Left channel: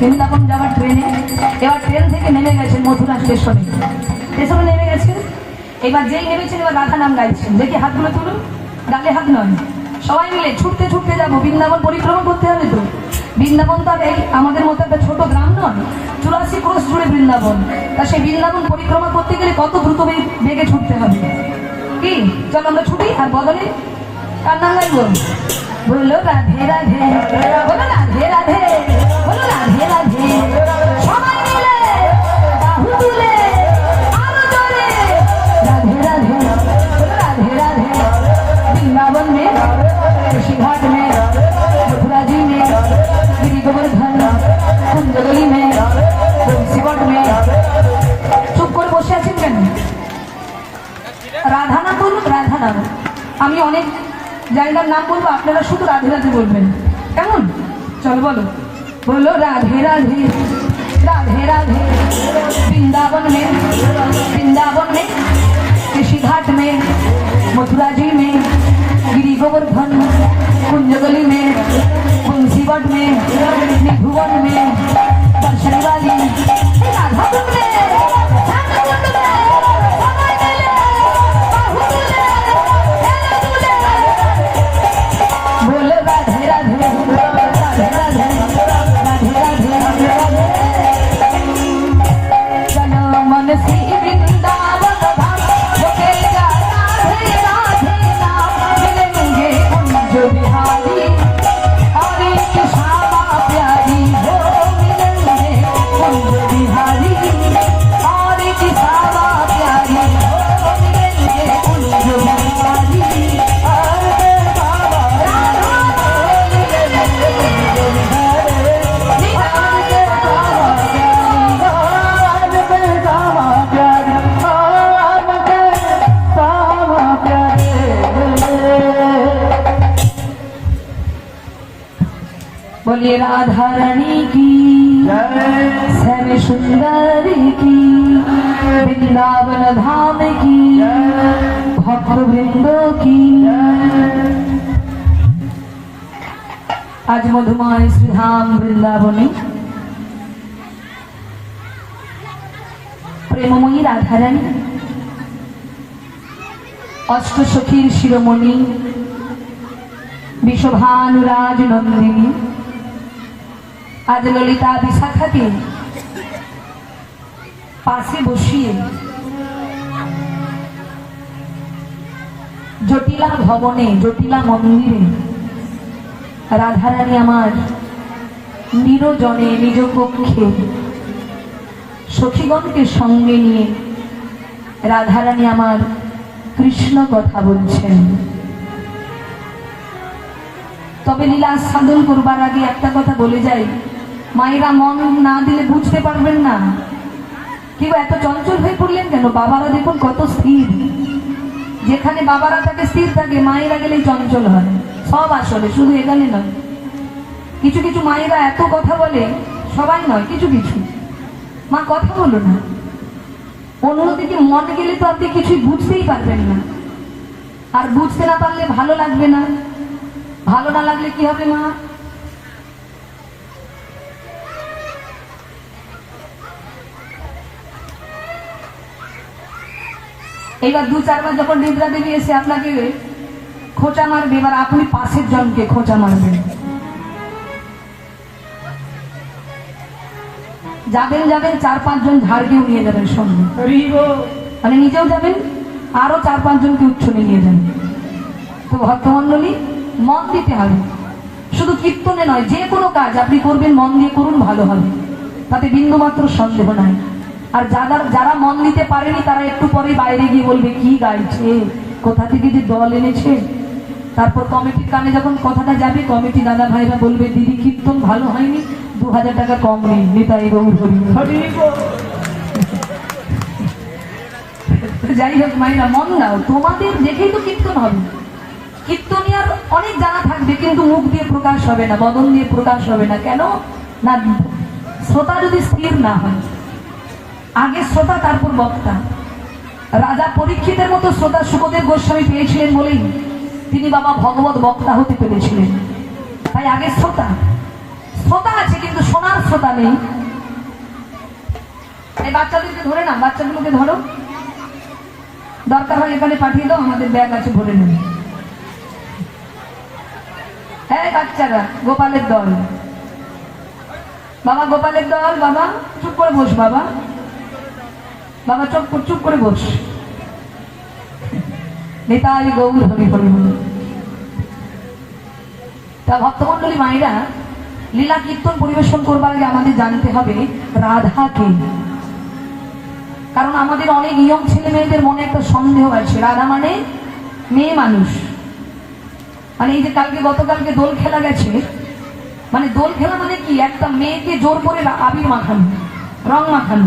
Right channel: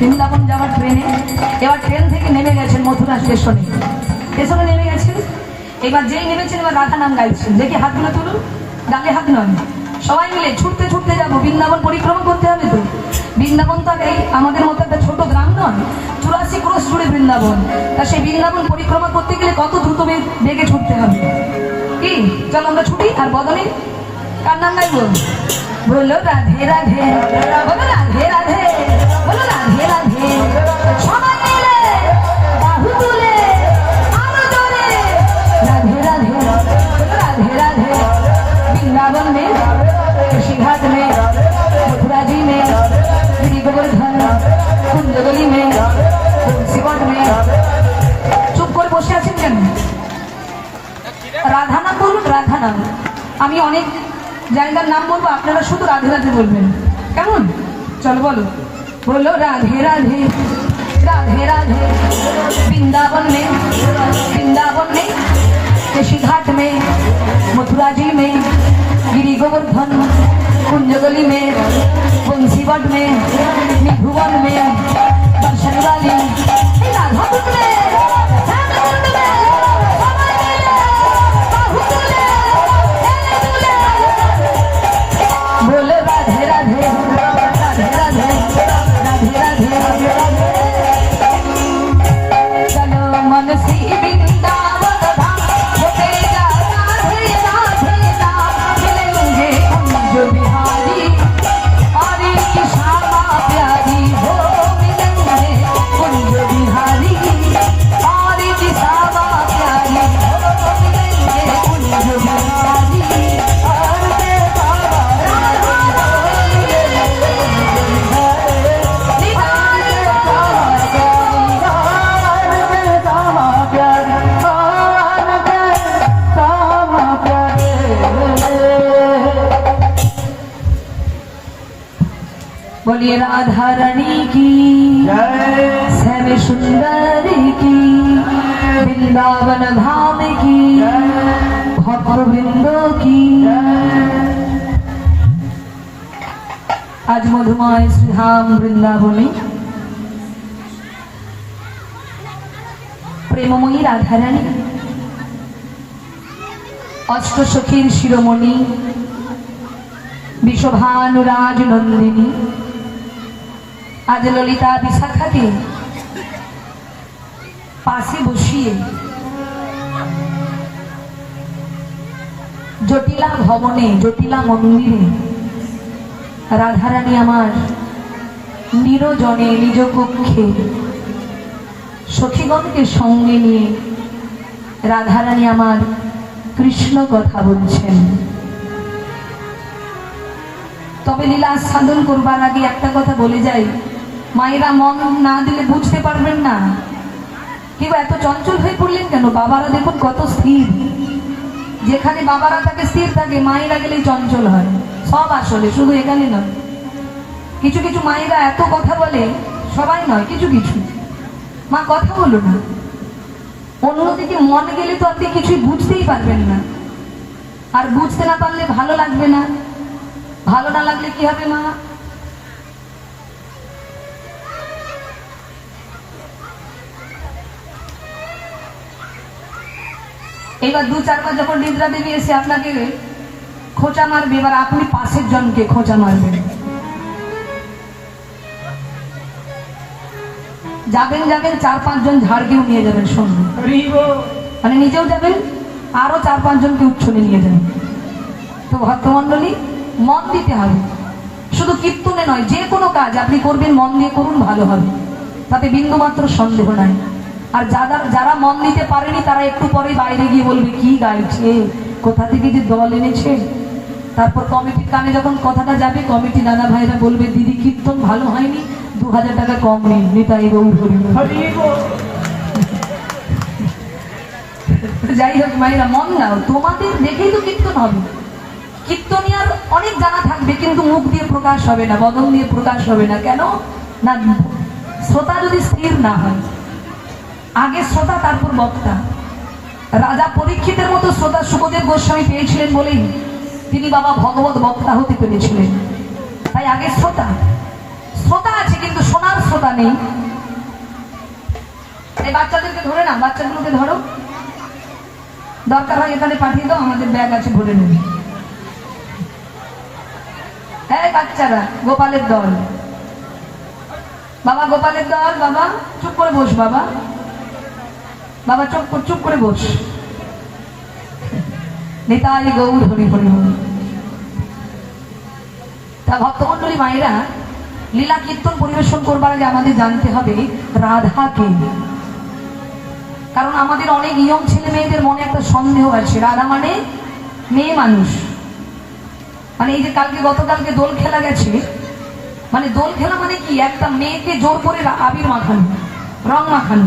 বৃন্দাবন যাওয়ার ট্রেনে, এবার ট্রেন থেকে নেমে গেছেন মথুরা স্টেশনে, স্টেশনে নেমে গেছেন। এবার যেই নেমেছেন এবার রাধা নাম গাইছেন, দেখে হাতগুলো তুলুন, ডালে হাত নয়, সবাই মিলে ছুটতে ছুটতে যাবো, বৃন্দাবন পরিক্রমা করতে হবে। তো বৃন্দাবন তো এই আমাদের মতো একটা ছোট গ্রাম নয়, 84 ক্রোশ জুড়ে বৃন্দাবন। তা সেই বৃন্দাবন পরিক্রমা করতে গেলে কত দ্রুত বেগে ছুটতে হবে। কি চলো আমরা ছুটি। আর বদলে কার নাম গাইব? বললো রাধে রাধে, বলো রাধে রাধে, বলো রাধে রাধে, সবাই মিলে বাহু তুলে আরো জোরে রাধে রাধে, বলো রাধে রাধে। वृंदावन में, ऋषिघाट में, मथुरा जी में, गिरी गोवर्धन, कुंजगली में, तुलसीवट में। চুপ করে বসে আছেন কেন? রাধা নাম বলুন, রাধা নাম। আমি অনেক জায়গার নাম বলবো, আপনারা শুধু রাধে রাধে বলবেন, কেমন? চলো বলো, বলো রাধে রাধে, राधे राधे। वृंदावन में, वृंदावन में, ऋषिघाट में, मथुरा जी में, गिरी गोवर्धन, कुंजगली में, तुलसीवट में, भुवन में, दर्शन वाली राधा कुंड में, बोले राधे राधे, राधे राधे, राधे राधे। चलो मन सी वृंदावन धाम, होते जा राधे राधे नाम, मिलेंगे हम जो बिहारी और इनकी श्यामा प्यारी हो, मिलेंगे हम जो बिहारी और इनकी श्यामा प्यारी हो, मिलेंगे हम जो बिहारी और बोलिए राधा रानी की श्याम सुंदरी की, वृंदावन धाम की, भक्त वृंदों की। आज मधुमय श्रीधाम वृंदावने प्रेममयी राधा रानी अष्टसखीर शिरोमणि विश्वभानुराज नंदिनी आज ललिता विशाखाके पाशे बसिए जटिला भवने, जटिला मंदिरे राधा रानी आमार निरजने निज कक्षे सखीगणके संगे निये राधा रानी आमार कृष्ण कथा बोलছেন। তবে লীলা সাধন করবার আগে একটা কথা বলে যাই, মায়েরা মন না দিলে বুঝতে পারবেন না। কেউ এত চঞ্চল হয়ে পড়লেন কেন? বাবারা দেখুন কত স্থির, যেখানে বাবারা থাকে স্থির থাকে, মায়েরা গেলেই চঞ্চল হয়। সব আসলে শুধু এখানে নয়, কিছু কিছু মায়েরা এত কথা বলে, সবাই নয়, কিছু কিছু মা কথা বলো না, অন্যদিকে মন গেলে তো আপনি কিছুই বুঝতেই পারবেন না। আর বুঝতে না পারলে ভালো লাগবে না, ভালো না লাগলে কি হবে মা? এবার 2-4 বার যখন নিদ্রা দেবী এসে আপনাকে খোঁচা মারবে, এবার আপনি পাশের জনকে খোঁচা মারবেন। যাবেন 4-5 জন ঝাড়কেও নিয়ে যাবেন সঙ্গে, মানে নিজেও যাবেন, আরো 4-5 জনকে উচ্ছনে নিয়ে যাবেন। তো ভক্তমন্ডলী, মন দিতে হবে, শুধু কীর্তনে নয়, যে কোনো কাজ আপনি করবেন মন দিয়ে করুন, ভালো হবে, তাতে বিন্দুমাত্র সন্দেহ নাই। আর যারা মন দিতে পারেনি তারা একটু পরে বাইরে গিয়ে বলবে কি গাইছে, কোথা থেকে যে দল এনেছে। তারপর কমিটির কানে যখন কথাটা যাবে, কমিটি দাদা ভাইরা বলবে দিদি কীর্তন ভালো হয়নি, 2000 টাকা কম নিন, নিতাই গৌর হরি। যাই হোক মায়েরা, মন দাও, তোমাদের দেখেই তো কীর্তন হবে। কীর্তনিয়ার অনেক জানা থাকবে, কিন্তু মুখ দিয়ে প্রকাশ হবে না, বদন দিয়ে প্রকাশ হবে না। কেন না? শ্রোতা যদি স্থির না হয়, আগে শ্রোতা তারপর বক্তা। রাজা পরীক্ষিতের মতো শ্রোতা সুখদেব গোস্বামী পেয়েছিলেন বলেই তিনি বাবা ভগবত বক্তা হতে পেরেছিলেন। তাই আগে শ্রোতা আছে, কিন্তু শোনার শ্রোতা নেই। এই বাচ্চাদেরকে ধরে না, বাচ্চাগুলোকে ধরো, দরকার হয় এখানে পাঠিয়ে দাও, আমাদের ব্যাগ আছে ভরে নেবে। হ্যাঁ বাচ্চারা, গোপালের দল, বাবা গোপালের দল, বাবা চুপ করে বস, বাবা বাবা চুপ করে বস। নিতাই গৌর হরি হরি হরি। তা ভক্তমন্ডলী মায়েরা, লীলা কীর্তন পরিবেশন করবার আগে আমাদের জানতে হবে রাধাকে। কারণ আমাদের অনেক ইয়ং ছেলে মেয়েদের মনে একটা সন্দেহ আছে, রাধা মানে মেয়ে মানুষ। মানে এই যে গতকালকে দোল খেলা গেছে, মানে দোল খেলা মানে কি, একটা মেয়েকে জোর করে আবির মাখানো, রং মাখানো,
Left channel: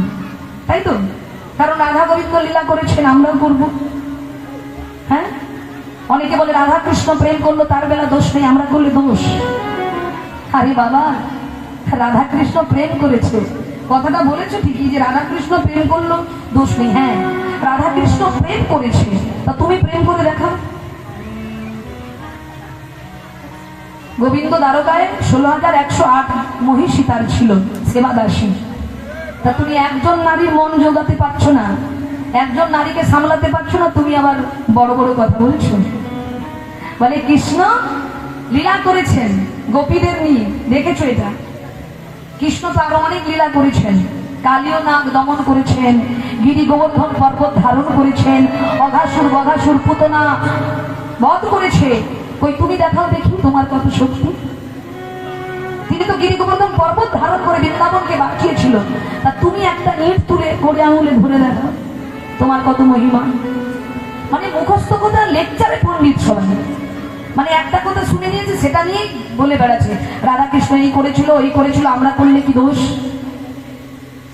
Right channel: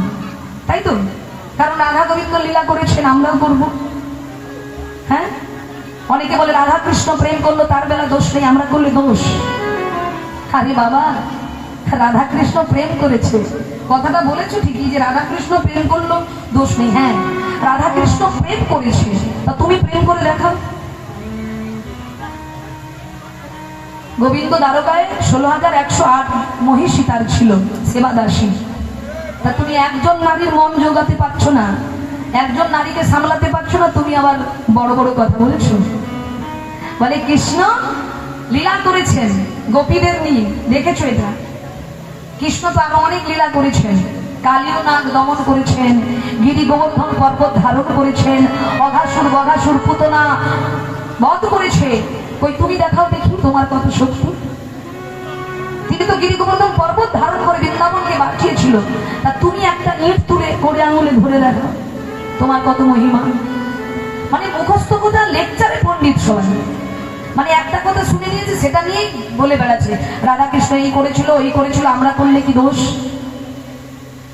তাই তো? কারণ রাধা গোবিন্দ লীলা করেছেন, আমরাও করব। হ্যাঁ, অনেকে বলে রাধা কৃষ্ণ প্রেম করলো তার বেলা দোষ নেই, আমরা করলে দোষ। আরে বাবা, রাধা কৃষ্ণ প্রেম করেছে, কথাটা বলেছো ঠিকই যে রাধা কৃষ্ণ প্রেম করলো দোষ নেই। হ্যাঁ, রাধা কৃষ্ণ প্রেম করেছে, তা তুমি প্রেম করে দেখাও। গোবিন্দ দ্বারকায় 16,108 মহিষী তার ছিল, সেবাদাসী। তা তুমি একজন নারীর মন জোগাতে পারছো না, একজন নারীকে সামলাতে পারছো না, তুমি আবার বড় বড় কথা বলছো। বলে কৃষ্ণ লীলা করেছেন গোপীদের নিয়ে, দেখেছো এটা? কৃষ্ণ তো আরো অনেক লীলা করেছেন, কালীয় নাগ দমন করেছেন, গিরি গোবর্ধন পর্বত ধারণ করেছেন, অঘাসুর বঘাসুর পুতনা বধ করেছে। কই তুমি দেখাও দেখি তোমার কত শক্তি। তিনি তো গিরি গোবর্ধন পর্বত ধারণ করে বৃন্দাবনকে বাঁচিয়েছিল, তা তুমি একটা ইট তুলে করে আঙুলে ধরে রাখো, তোমার কত মহিমা। মানে মুখস্থ কথা, লেকচারে পণ্ডিত সবাই, মানে একটা কথা শুনে নিয়েছে সেটা নিয়েই বলে বেড়াচ্ছে রাধাকৃষ্ণ এই করেছিল ওই করেছিল, আমরা করলে কি দোষ?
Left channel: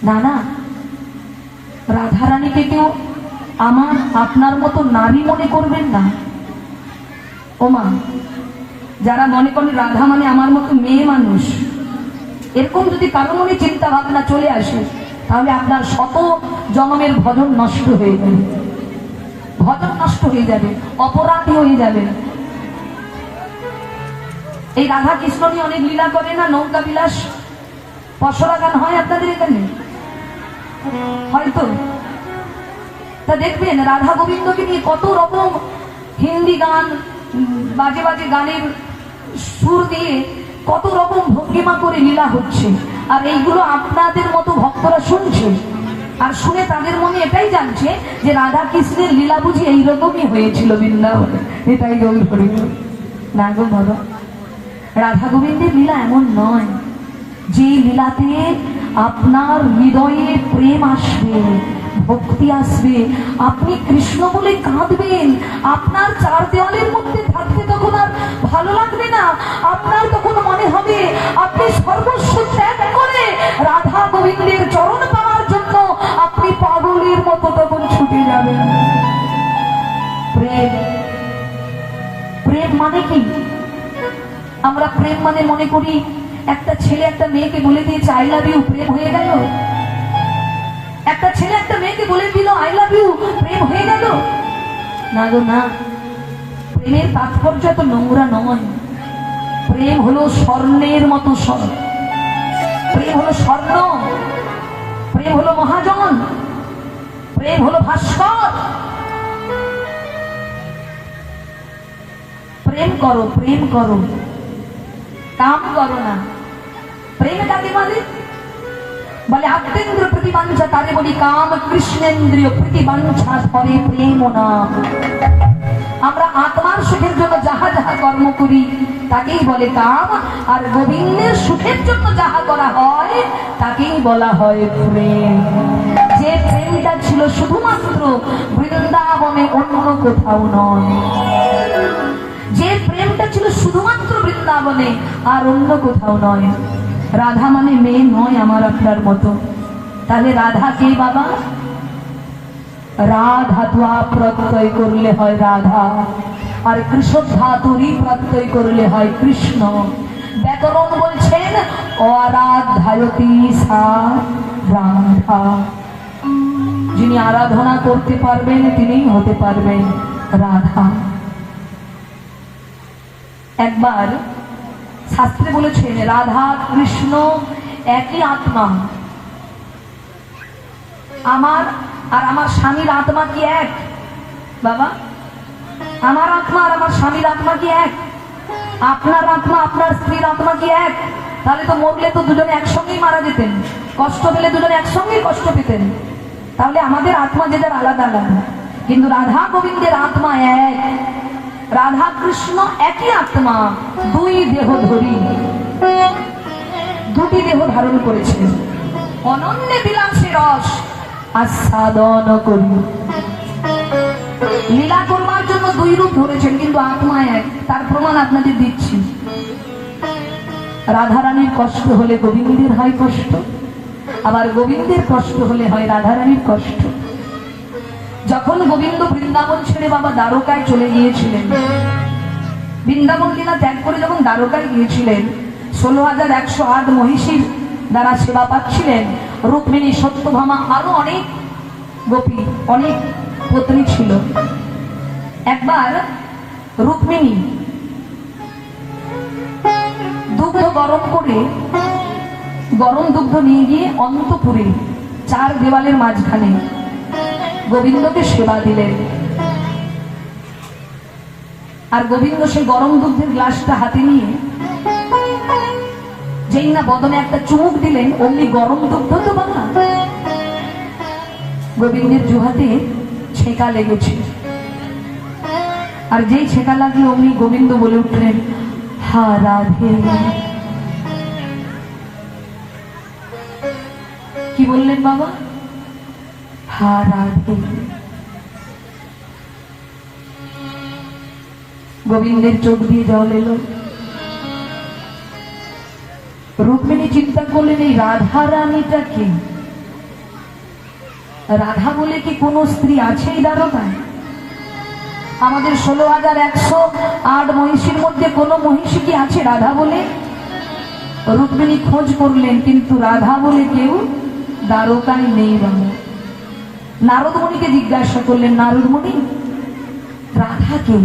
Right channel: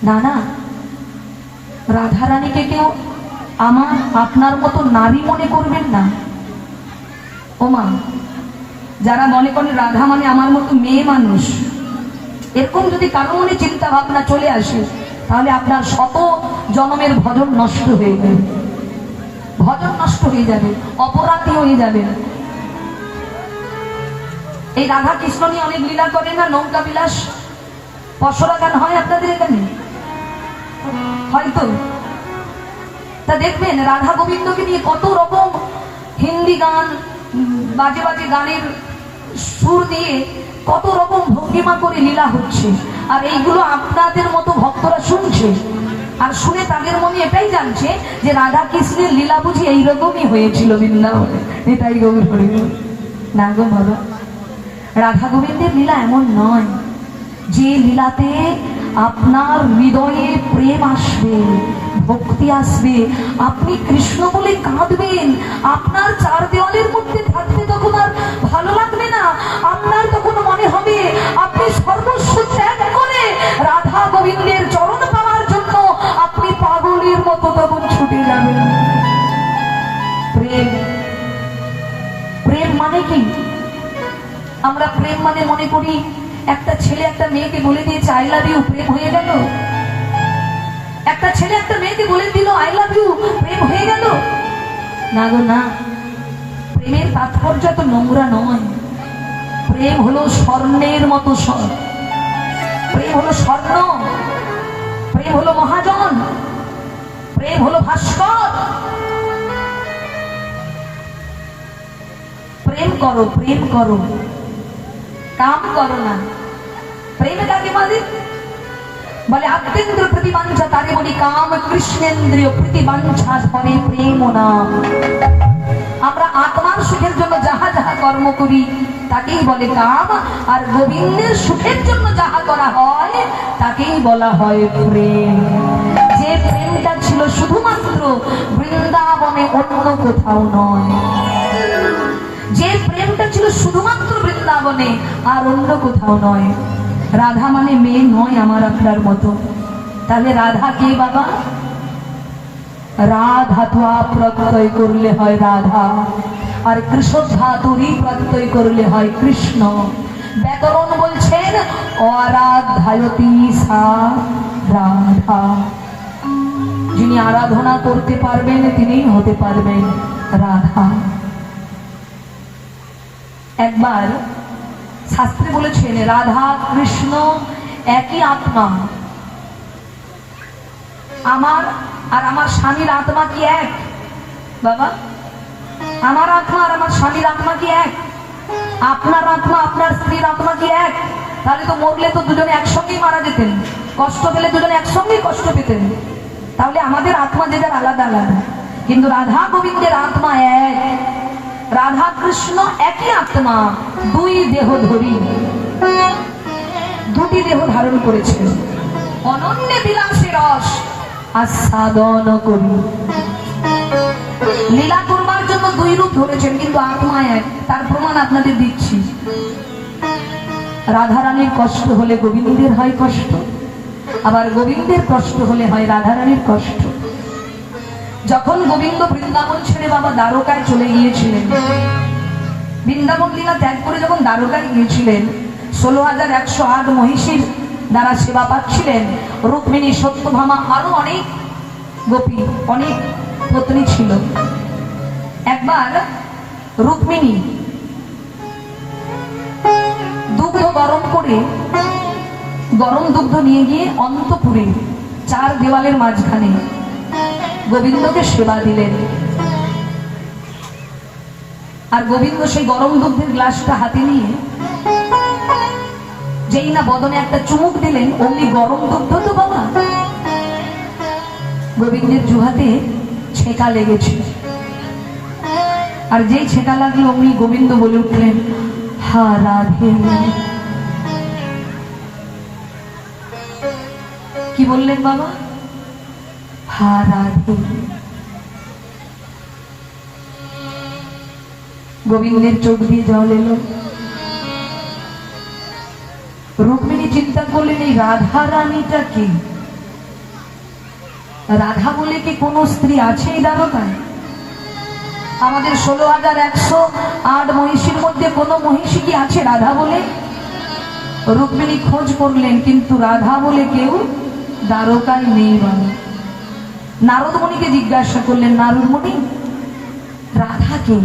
না না, রাধারানীকে কেউ আমার আপনার মতো নারী মনে করবেন না। ও মা, যারা মনে করেন রাধা মানে আমার মতো মেয়ে মানুষ, এরকম যদি কারো মনে চিন্তা ভাবনা চলে আসে, তাহলে আপনার শত জন্মের ভজন নষ্ট হয়ে যাবে, ভজন নষ্ট হয়ে যাবে, অপরাধী হয়ে যাবে। এই রাধা কৃষ্ণ নিয়ে অনেক লীলা করে না, নৌকা বিলাস, পশরা গান হয় আপনাদের এখানে হয়তো। তা দেখবেন রাধা গোবিন্দকে নিয়ে কত রকম হিন্দি গান, বাজে বাজে গানের সুর দিয়ে কত রকম ভঙ্গিমা করে লীলা হচ্ছে। আর এইগুলো আপনাদের মতো ভক্তরা শুনছে, আর শুনে তাদের মনে এটাই জানছে যে রাধা কৃষ্ণের লীলা বুঝি এইরকমই হয়েছিল বৃন্দাবনে। এটাই গৌর হরি। না গো বাবা, রাধা গোবিন্দের লীলা এমন নয় যে লীলাতে আপনার হৃদয়ে প্রেম আসবে, ভক্তি আসবে, আপনি কৃষ্ণ বলে কাঁদবেন, আপনার চার দেওয়ালের মধ্যে থাকতে তখন আর ভালো লাগবে না, আপনার তখন মনে হবে আপনি সর্বস্ব ত্যাগ করে রাধা গোবিন্দের চরণ পাওয়ার জন্য আপনি পাগলের মতো তখন ছুটে যাবেন। প্রেম, প্রেম মানে কি? আমরা প্রেম মানে মনে করি একটা ছেলে একটা মেয়েকে বলে দিয়েছে আই লাভ ইউ, প্রেম হয়ে গেল। একটা ছেলে একটা মেয়েকে বলে দিল আই লাভ ইউ, প্রেম হয়ে গেল। না গো না, প্রেমের তাৎপর্য তো নোংরা নয়। প্রেম হলো স্বর্ণের মতো প্রেম হলো স্বর্ণ, প্রেম হলো মহাজন, প্রেম হলো ভাস্কর। প্রেম করো, প্রেম করো, কাম করো না। প্রেম কাকে বলে? বলে আত্মেন্দ্র প্রতিবাঞ্ছা তারে বলি কাম, কৃষ্ণেন্দ্রীয় প্রতিবাঞ্ছা ধরে প্রেম নাম। আমরা আত্মার সুখের জন্য যাহা যাহা কর্ম করি তাকেই বলে কাম, আর গোবিন্দের সুখের জন্য যাহা করা হয় তাকেই বলা হয় প্রেম। যে প্রেমটা ছিল শুধুমাত্র বৃন্দাবনে, অন্য কোথাও নয়। যে প্রেমটা ছিল শুধুমাত্র বৃন্দাবনে আর অন্য কোথাও নয়। রাধা মানে মেয়ে নয় আমার আপনার মতো। তাহলে রাধা কে বাবা? রাধা ধাতুয়া প্রত্যয় করলে হয় রাধা, আর কৃষ্ণ ধাতুরই প্রত্যয় করলে হয় কৃষ্ণ। ব্যাকরণ বলছেন অরাধায়তি সা রাধা। যিনি আরাধনা করতে পারবেন তিনিই হতে পারবেন রাধা। একবার শাস্ত্রে বলেছেন রাধা কৃষ্ণ একই আত্মা। আমার আর আমার স্বামীর আত্মা কি এক বাবা? আমার আত্মা আর আমার স্বামীর আত্মা কি এক? আপনার আত্মা আপনার স্ত্রীর আত্মা কি এক? তাহলে তো মরলে তো দুজনে একসঙ্গেই মারা যেতেন, কষ্ট পেলে দুজনে একসঙ্গেই কষ্ট পেতেন। তাহলে আমাদের আত্মা যে যার আলাদা আলাদা, কিন্তু রাধা গোবিন্দের আত্মা এক। রাধা কৃষ্ণ একই আত্মা, দুই দেহ ধরি, দুটি দেহ ধারণ করেছেন। অনন্য বিলাসে রস আস্বাদন করি। লীলা করবার জন্য দুই রূপ ধরেছেন, কিন্তু আত্মা এক। তার প্রমাণ আপনাদের দিচ্ছি। রাধারানীর কষ্ট হলে গোবিন্দের হয় কষ্ট, আবার গোবিন্দের কষ্ট হলে হয় রাধারানীর কষ্ট। যখন গোবিন্দ বৃন্দাবন ছেড়ে বাবা দ্বারকায় চলে গিয়েছিলেন, বৃন্দাবন লীলা ত্যাগ করে যখন দ্বারকায় গিয়েছিলেন, 16,108 মহিষীর দ্বারা সেবা পাচ্ছিলেন। রুক্মিণী, সত্যভামা, আরো অনেক গোপী, অনেক পত্নী ছিল। একবার রুক্মিণী দুগ্ধ গরম করে, গরম দুগ্ধ নিয়ে গিয়ে অন্তপুরে 4 দেওয়ালের মাঝখানে গোবিন্দকে সেবা দিলেন। আর গোবিন্দ সেই গরম দুগ্ধের গ্লাসটা হাতে নিয়ে যেই না বদনে একটা চুমুক দিলেন, অমনি গরম দুগ্ধ তো বলা গোবিন্দের জুহাতে ছেঁকা লেগেছে। আর যেই ছেঁকা লাগলো অমনি গোবিন্দ বলে উঠলেন, হা রাধে। কি বললেন বাবা? হা রাধে। গোবিন্দের চোখ দিয়ে জল এলো। রুক্মিণী চিন্তা করলেন, এই রাধা রানীটা কি? রাধা বলে কি কোন স্ত্রী আছে এই দ্বারকায়? আমাদের 16,108 মহিষীর মধ্যে কোন মহিষী কি আছে রাধা বলে? রুক্মিণী খোঁজ করলেন, কিন্তু রাধা বলে কেউ দ্বারকায় নেই বাবা। নারদ মুনিকে জিজ্ঞাসা করলেন, নারদ মুনি, রাধা কে?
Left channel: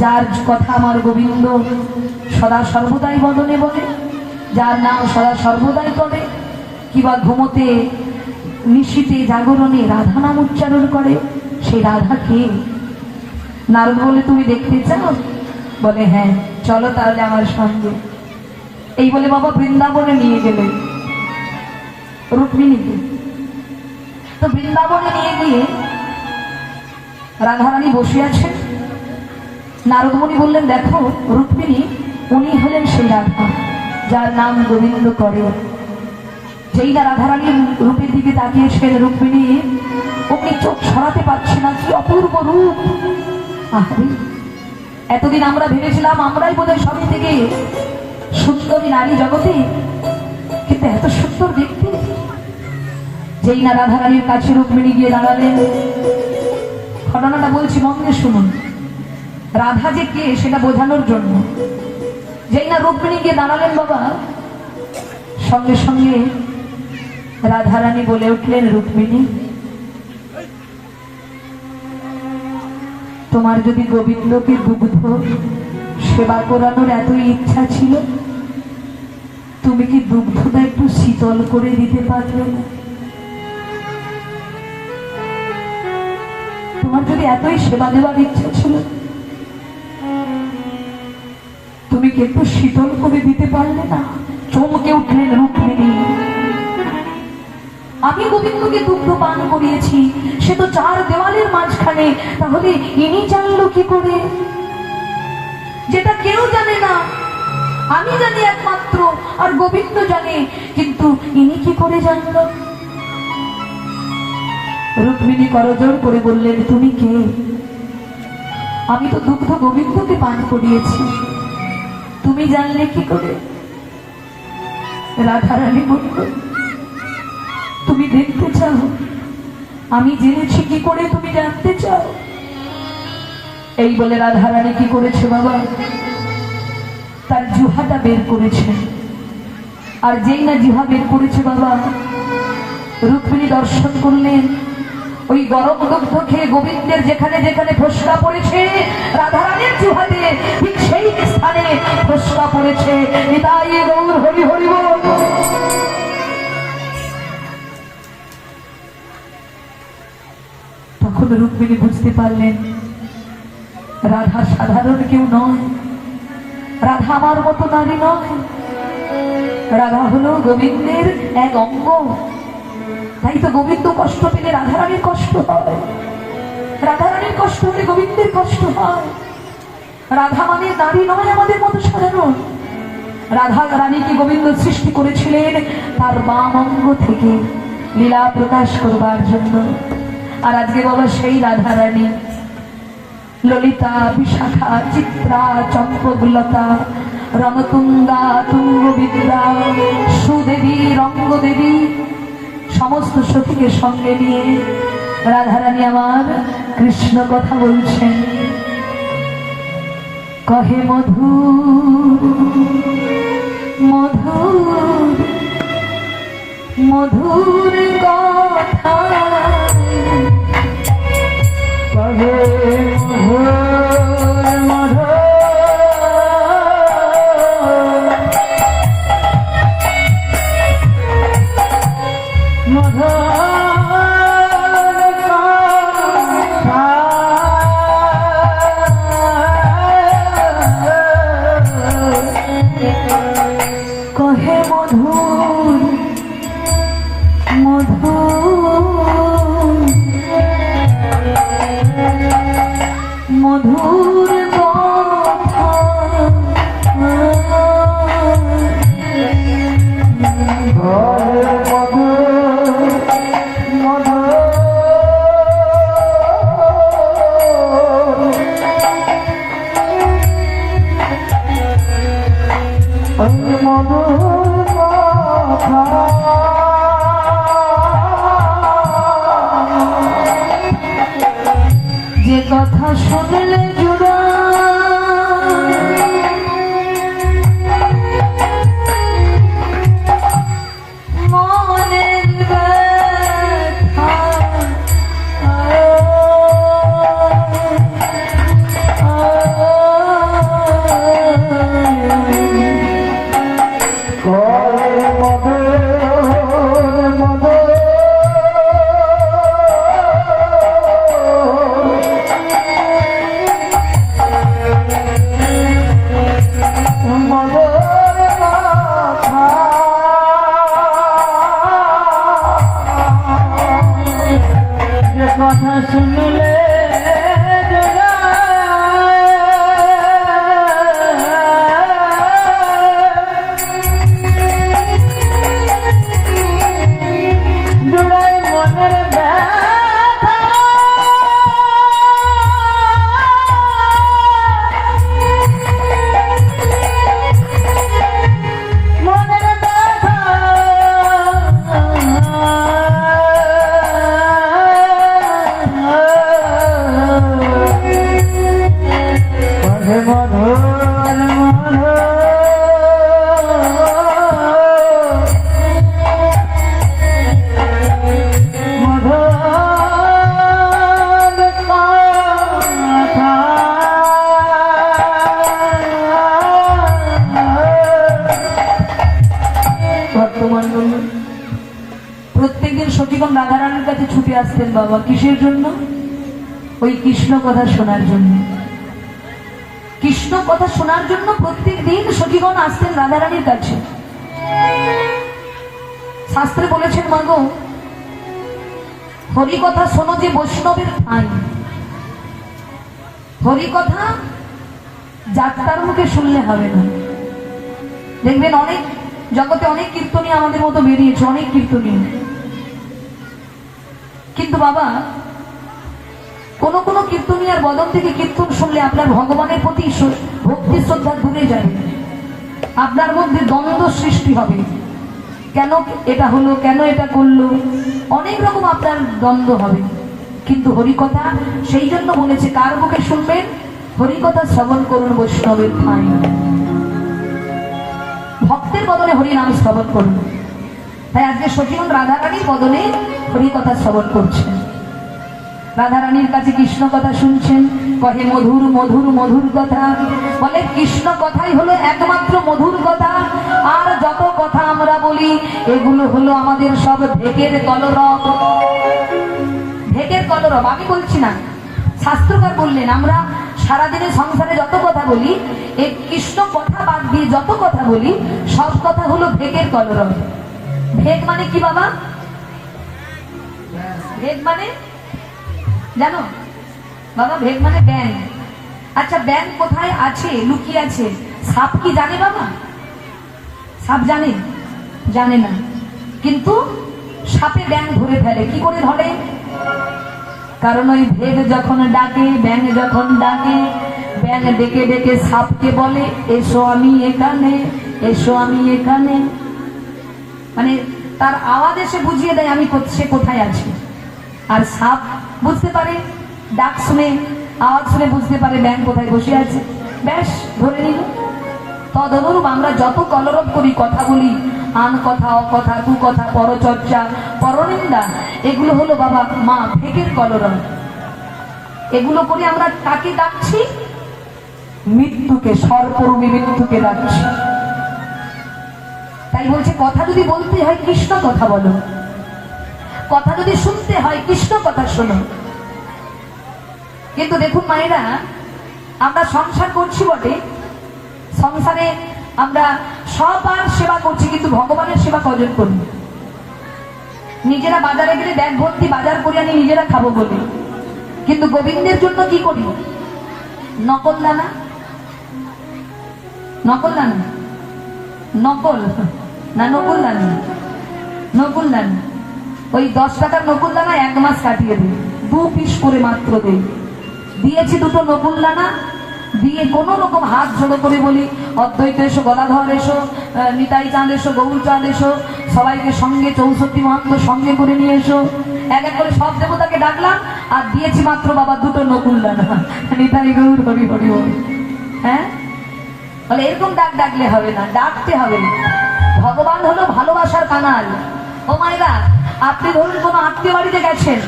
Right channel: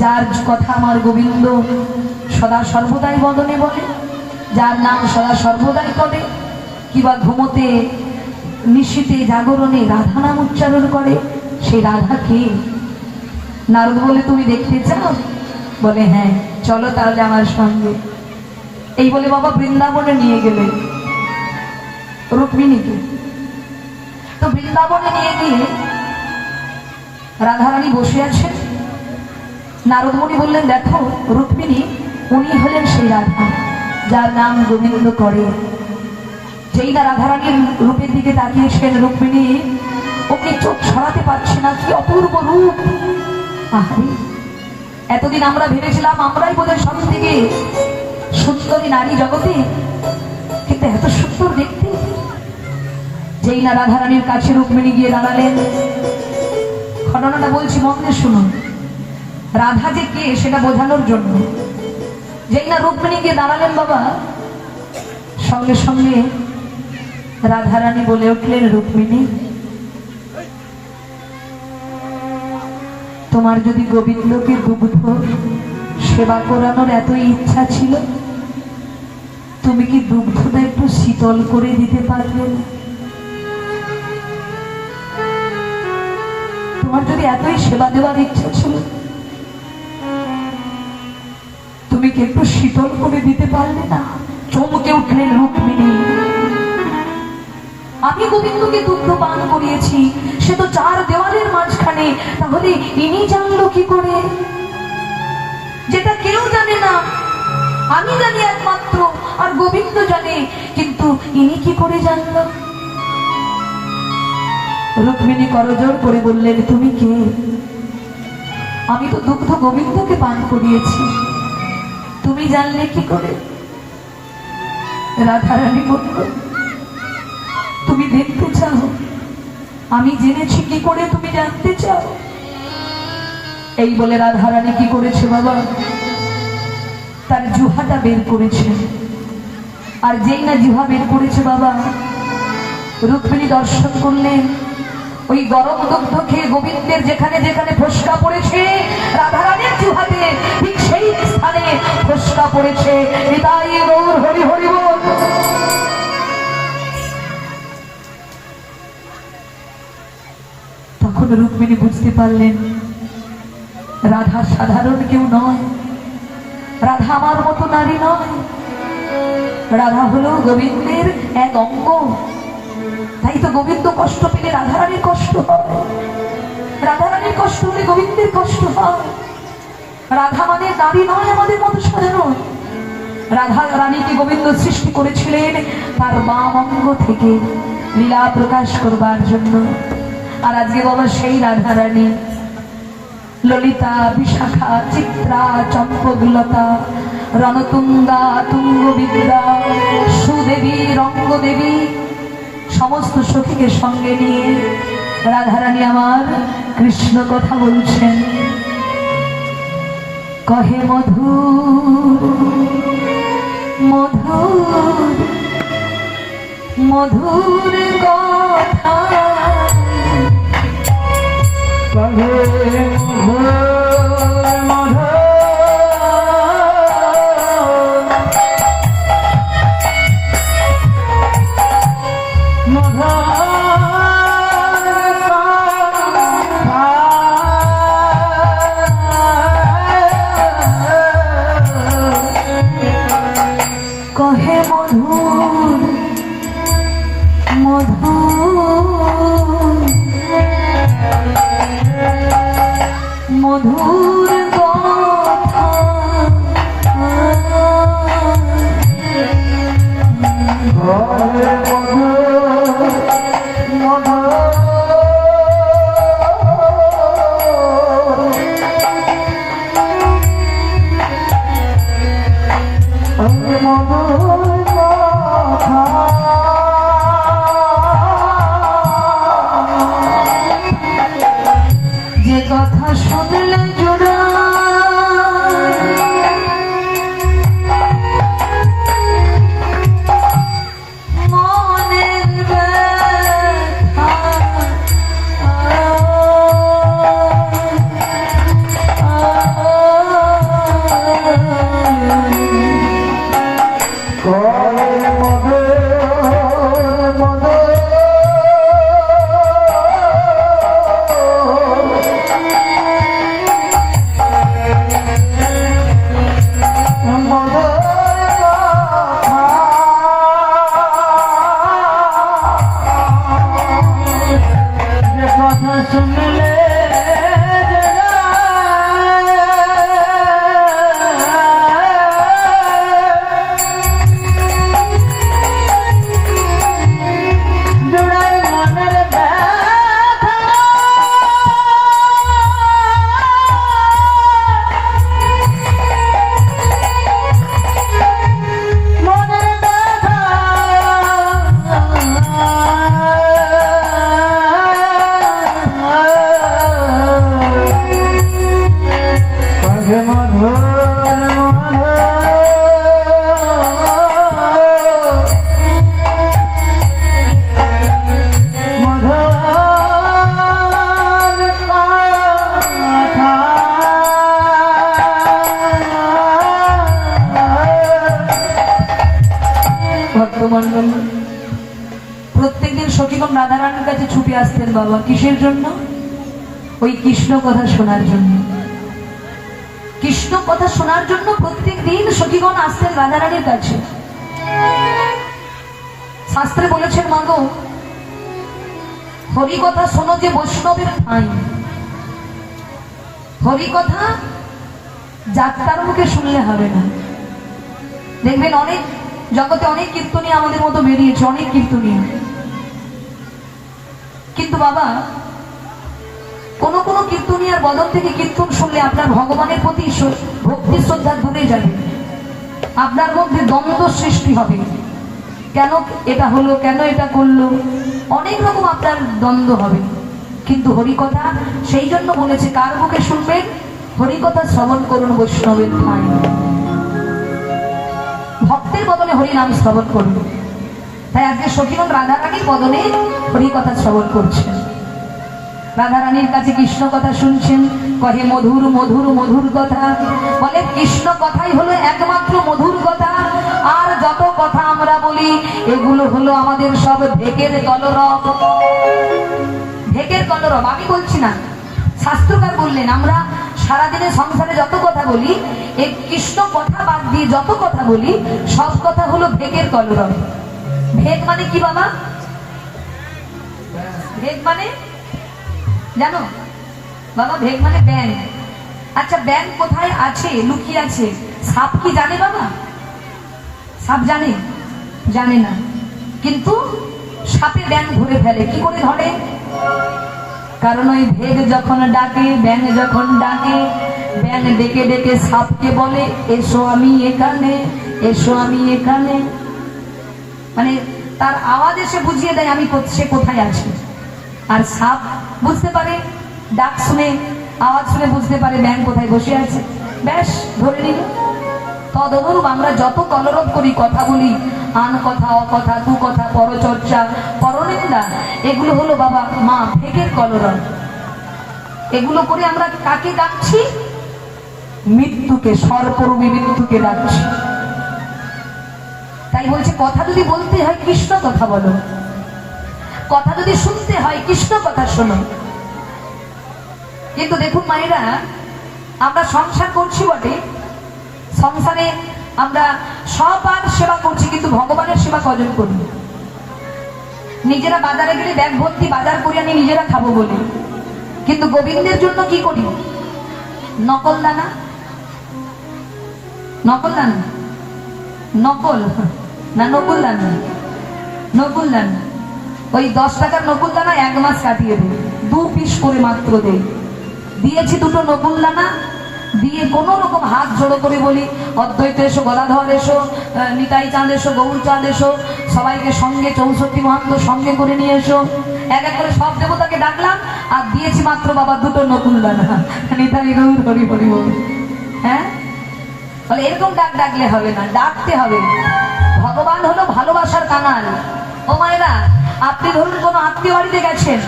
যার কথা আমার গোবিন্দ সদা সর্বদাই বদনে বলে, যার নাম সদা সর্বদাই করে, কিবা ঘুমোতে, নিশীতে, জাগরণে রাধা নাম উচ্চারণ করে, সেই রাধা কে? নারদ বলে, তুমি দেখতে চাও? বলে, হ্যাঁ, চলো তাহলে আমার সঙ্গে। এই বলে বাবা বৃন্দাবনে নিয়ে গেলেন রুক্মিণীকে। তো বৃন্দাবনে নিয়ে গিয়ে রাধারানী বসে আছেন। নারদ মুনি বললেন, দেখো রুক্মিণী, উনি হলেন সেই রাধা যার নাম গোবিন্দ করে। যেই না রাধারানীর রূপের দিকে তাকিয়েছেন রুক্মিণী ওকে চোখ সরাতে পারছে না। কি অপূর্ব রূপ! আহারে, এতদিন আমরা ভেবেছিলাম আমরাই বোধহয় সব থেকে সুন্দরী নারী জগতে, কিন্তু এত সুন্দর দেখতে। যেই না রাধারানীর কাছে রুক্মিণী গিয়ে দাঁড়ালেন, ঘটনাটা বলছি, মন দিয়ে শুনুন। রাধা যে কে সেটা বোঝানোর জন্য যেই না রুক্মিণী গিয়ে দাঁড়ালেন বাবা, সঙ্গে সঙ্গে রাধারানী বলে উঠলেন, রুক্মিণী, তোমার যদি গোবিন্দকে দুগ্ধ সেবা করানোর এত ইচ্ছা ছিল, তুমি কি দুগ্ধটা একটু শীতল করে দিতে পারলে না? তোমার যদি এতই সেবা দেওয়ার ইচ্ছা ছিল, তুমি কি একটু শীতল করে দিতে পারলে না? চমকে উঠলেন রুক্মিণী। আমি গোবিন্দকে দুগ্ধ পান করিয়েছি, সে তো চার দেওয়ালের মাঝখানে, তাহলে ইনি জানলো কি করে? যেটা কেউ জানে না, আমি জানি একমাত্র, আর গোবিন্দ জানে, কিন্তু ইনি কি করে জানলো? রুক্মিণী করজোড় করে বললেন, তুমি কে? আমি তো দুগ্ধ গোবিন্দকে পান করিয়েছি, তুমি জানলে কি করে? রাধারানী বলল, তুমি দেখতে চাও আমি জেনেছি কি করে, তুমি জানতে চাও? এই বলে রাধারানী কি করেছে বাবা, তার জিহ্বাটা বের করেছে। আর যেই না জিহ্বা বের করেছে বাবা, রুক্মিণী দর্শন করলেন ওই গরম দুগ্ধ খেয়ে গোবিন্দের যেখানে যেখানে ফোসকা পড়েছে, রাধারানীর জিহ্বাতে ঠিক সেই স্থানে ফোসকা পড়েছে। নিতাই গৌর হরি হরি বল। তখন রুক্মিণী বুঝতে পারলেন রাধা সাধারণ কেউ নয়, রাধা আমার মতো নারী নয়, রাধা হলো গোবিন্দের এক অঙ্গ। তাই তো গোবিন্দ কষ্ট পেলে রাধারানীর কষ্ট হয়, রাধারানীর কষ্ট হলে গোবিন্দের কষ্ট হয়। রাধা মানে নারী নয় আমাদের মতো সাধারণ। রাধা রানীকে গোবিন্দ সৃষ্টি করেছিলেন তার বাম অঙ্গ থেকে লীলা প্রকাশ করবার জন্য। আর আজকে বাবা সেই রাধারানী ললিতা, বিশাখা, চিত্রা, চম্পকলতা, রণতুঙ্গা, তুঙ্গবিদ্যা, সুদেবী, রঙ্গদেবী সমস্ত সখীকে সঙ্গে নিয়ে রাধারানী আমার কৃষ্ণ কথা বলছেন। কহে মধুর মধুর মধুর কথা, কহে মধুর মধুর মধুর কহে মধুর মধুর মধুর কথা, যে কথা শুনলে জোড়া মনের ব্যথা, সখীগণ রাধারানীর কাছে ছুটে আসতেন বাবা, কিসের জন্য? ওই কৃষ্ণ কথা শোনার জন্য। কৃষ্ণ কথা শোনার জন্য প্রত্যেক দিন সখীগণ আসতেন রাধারানীর কাছে। শাস্ত্রে বলেছেন, মাগো হরি কথা শোনো যে বৈষ্ণবের ঠাঁই। হরি কথা যাত্রার মুখে শুনলে হবে না। দেখবেন অনেক জগতে অনেক কীর্তনীয় আমাদের মতো বেরিয়েছে, অনেক কীর্তনীয়, কিন্তু বাবা কোন কোন কীর্তনীয়ার বদল থেকে কীর্তন শুনলে আপনার ভগবানের প্রতি ভক্তি শ্রদ্ধা দূরে যাবে, আপনার মধ্যে দ্বন্দ্ব সৃষ্টি হবে। কেন এটা হলো, কেন এটা করলো, অনেক রকম আপনার দ্বন্দ্ব হবে। কিন্তু হরিকথা সেই জন্য বলেছে, কার মুখে শুনবেন? হরিকথা শ্রবণ করুন বৈষ্ণবের ঠাঁই। ভক্তের বদনে হরি নাম শ্রবণ করুন। তাই আজকে সখীগণ রাধারানীর বদনে হরিকথা শ্রবণ করছেন। রাধারানীর কাছে কৃষ্ণ কথা শুনছেন, কহে মধুর মধুর মধুর কথা। বলে কৃষ্ণ কথাই হলো একমাত্র মধুর কথা, আর যত কথা আমরা বলি এগুলো হলো আমাদের সব ঢেকের কলরব। ঢেকের কলরব আমি বলছি না, শাস্ত্রকার বললেন। আমরা সারাদিনে সংসারে যত কথা বলি, এই কৃষ্ণ কথা বাদ দিয়ে যত কথা বলি, সব কথা হলো ঢেকের কলরব। ঢেক মানে কি বাবা? ঢেক মানে জানো বাবা? ভেগ মানে ব্যাং। আচ্ছা ব্যাং কোথায় আছে, লুকিয়ে আছে? সাপ কি জানে বাবা? সাপ জানে? জানে না। কিন্তু সাপে ব্যাং ধরে ফেলে। কি করে ধরে? কারণ ওই ভেগ যখন ডাকে, ব্যাং যখন ডাকে, ব্যাং ডেকে ডেকে সাপকে বলে, এসো আমি এখানে, এসো আমি এখানে। মানে তার আওয়াজ এসে বুঝিয়ে দেয় আমি সে কোথায় আছে। আর সাপ বুঝতে পারে, ডাক শুনে, আওয়াজ শুনে বুঝতে পারে ব্যাং কোথায় বসে আছে, ব্যাস ধরে নিল। তদনুরূপ আমরা যত কলরব করি, কথা বলি, আন কথা, অকথা, কুকথা, পরচর্চা, পরনিন্দা, এগুলো হলো বাবা মা ভেগের কলরব। এগুলো করে আমরা কাকে ডাকছি? মৃত্যুকে, সর্পরূপী মৃত্যুকে ডাকছি। তাই বলছে কথা যদি বলতে হয় কৃষ্ণ কথা বলো, কথা যদি শুনতে হয় কৃষ্ণ কথা শোনো। কিন্তু দেখুন মায়েরা, আমরা সংসার করছি বটে, সংসারে আমরা সবার সেবা করছি, কিন্তু ভগবানের সেবা কজন করি? নিজেরা বাজারে গেলে ব্যাগ ভর্তি বাজার করে আমি নিজেরা খাবো বলি, কিন্তু গোবিন্দের জন্য কি করি? নকল দানা, নকল দানা, নকল না নকুল দানা, নকুল দানা। ওই 10 টাকার নকুল দানা 1 মাস কাটিয়ে দিই, 2 পিস করে মাত্র দেই। দিয়েছি 2টো নকুল দানা, দিয়ে কোন রকম হাত জোড়ো করে বলি, অদ্বৈত এসো, গদাধর এসো, নিতাই চাঁদ এসো, গৌর চাঁদ এসো, সবাইকে সঙ্গে 64 মহাত্ম সঙ্গে করে নিয়ে এসো। এক এক করে সব দেবতাকে ডাকলাম, আর দিয়েছি মাত্র বাবা 2টো নকুল দানা। নিতাই গৌর হরি হরি বল। হ্যাঁ, বলে এরকম ডাক ডাকলে হবে না, ডাকতে হবে। ভগবান হলো ভালোবাসার কানাল। ও মায়েরা, আপনি ধরুন কোনো আত্মীয় বাড়িতে গেছেন,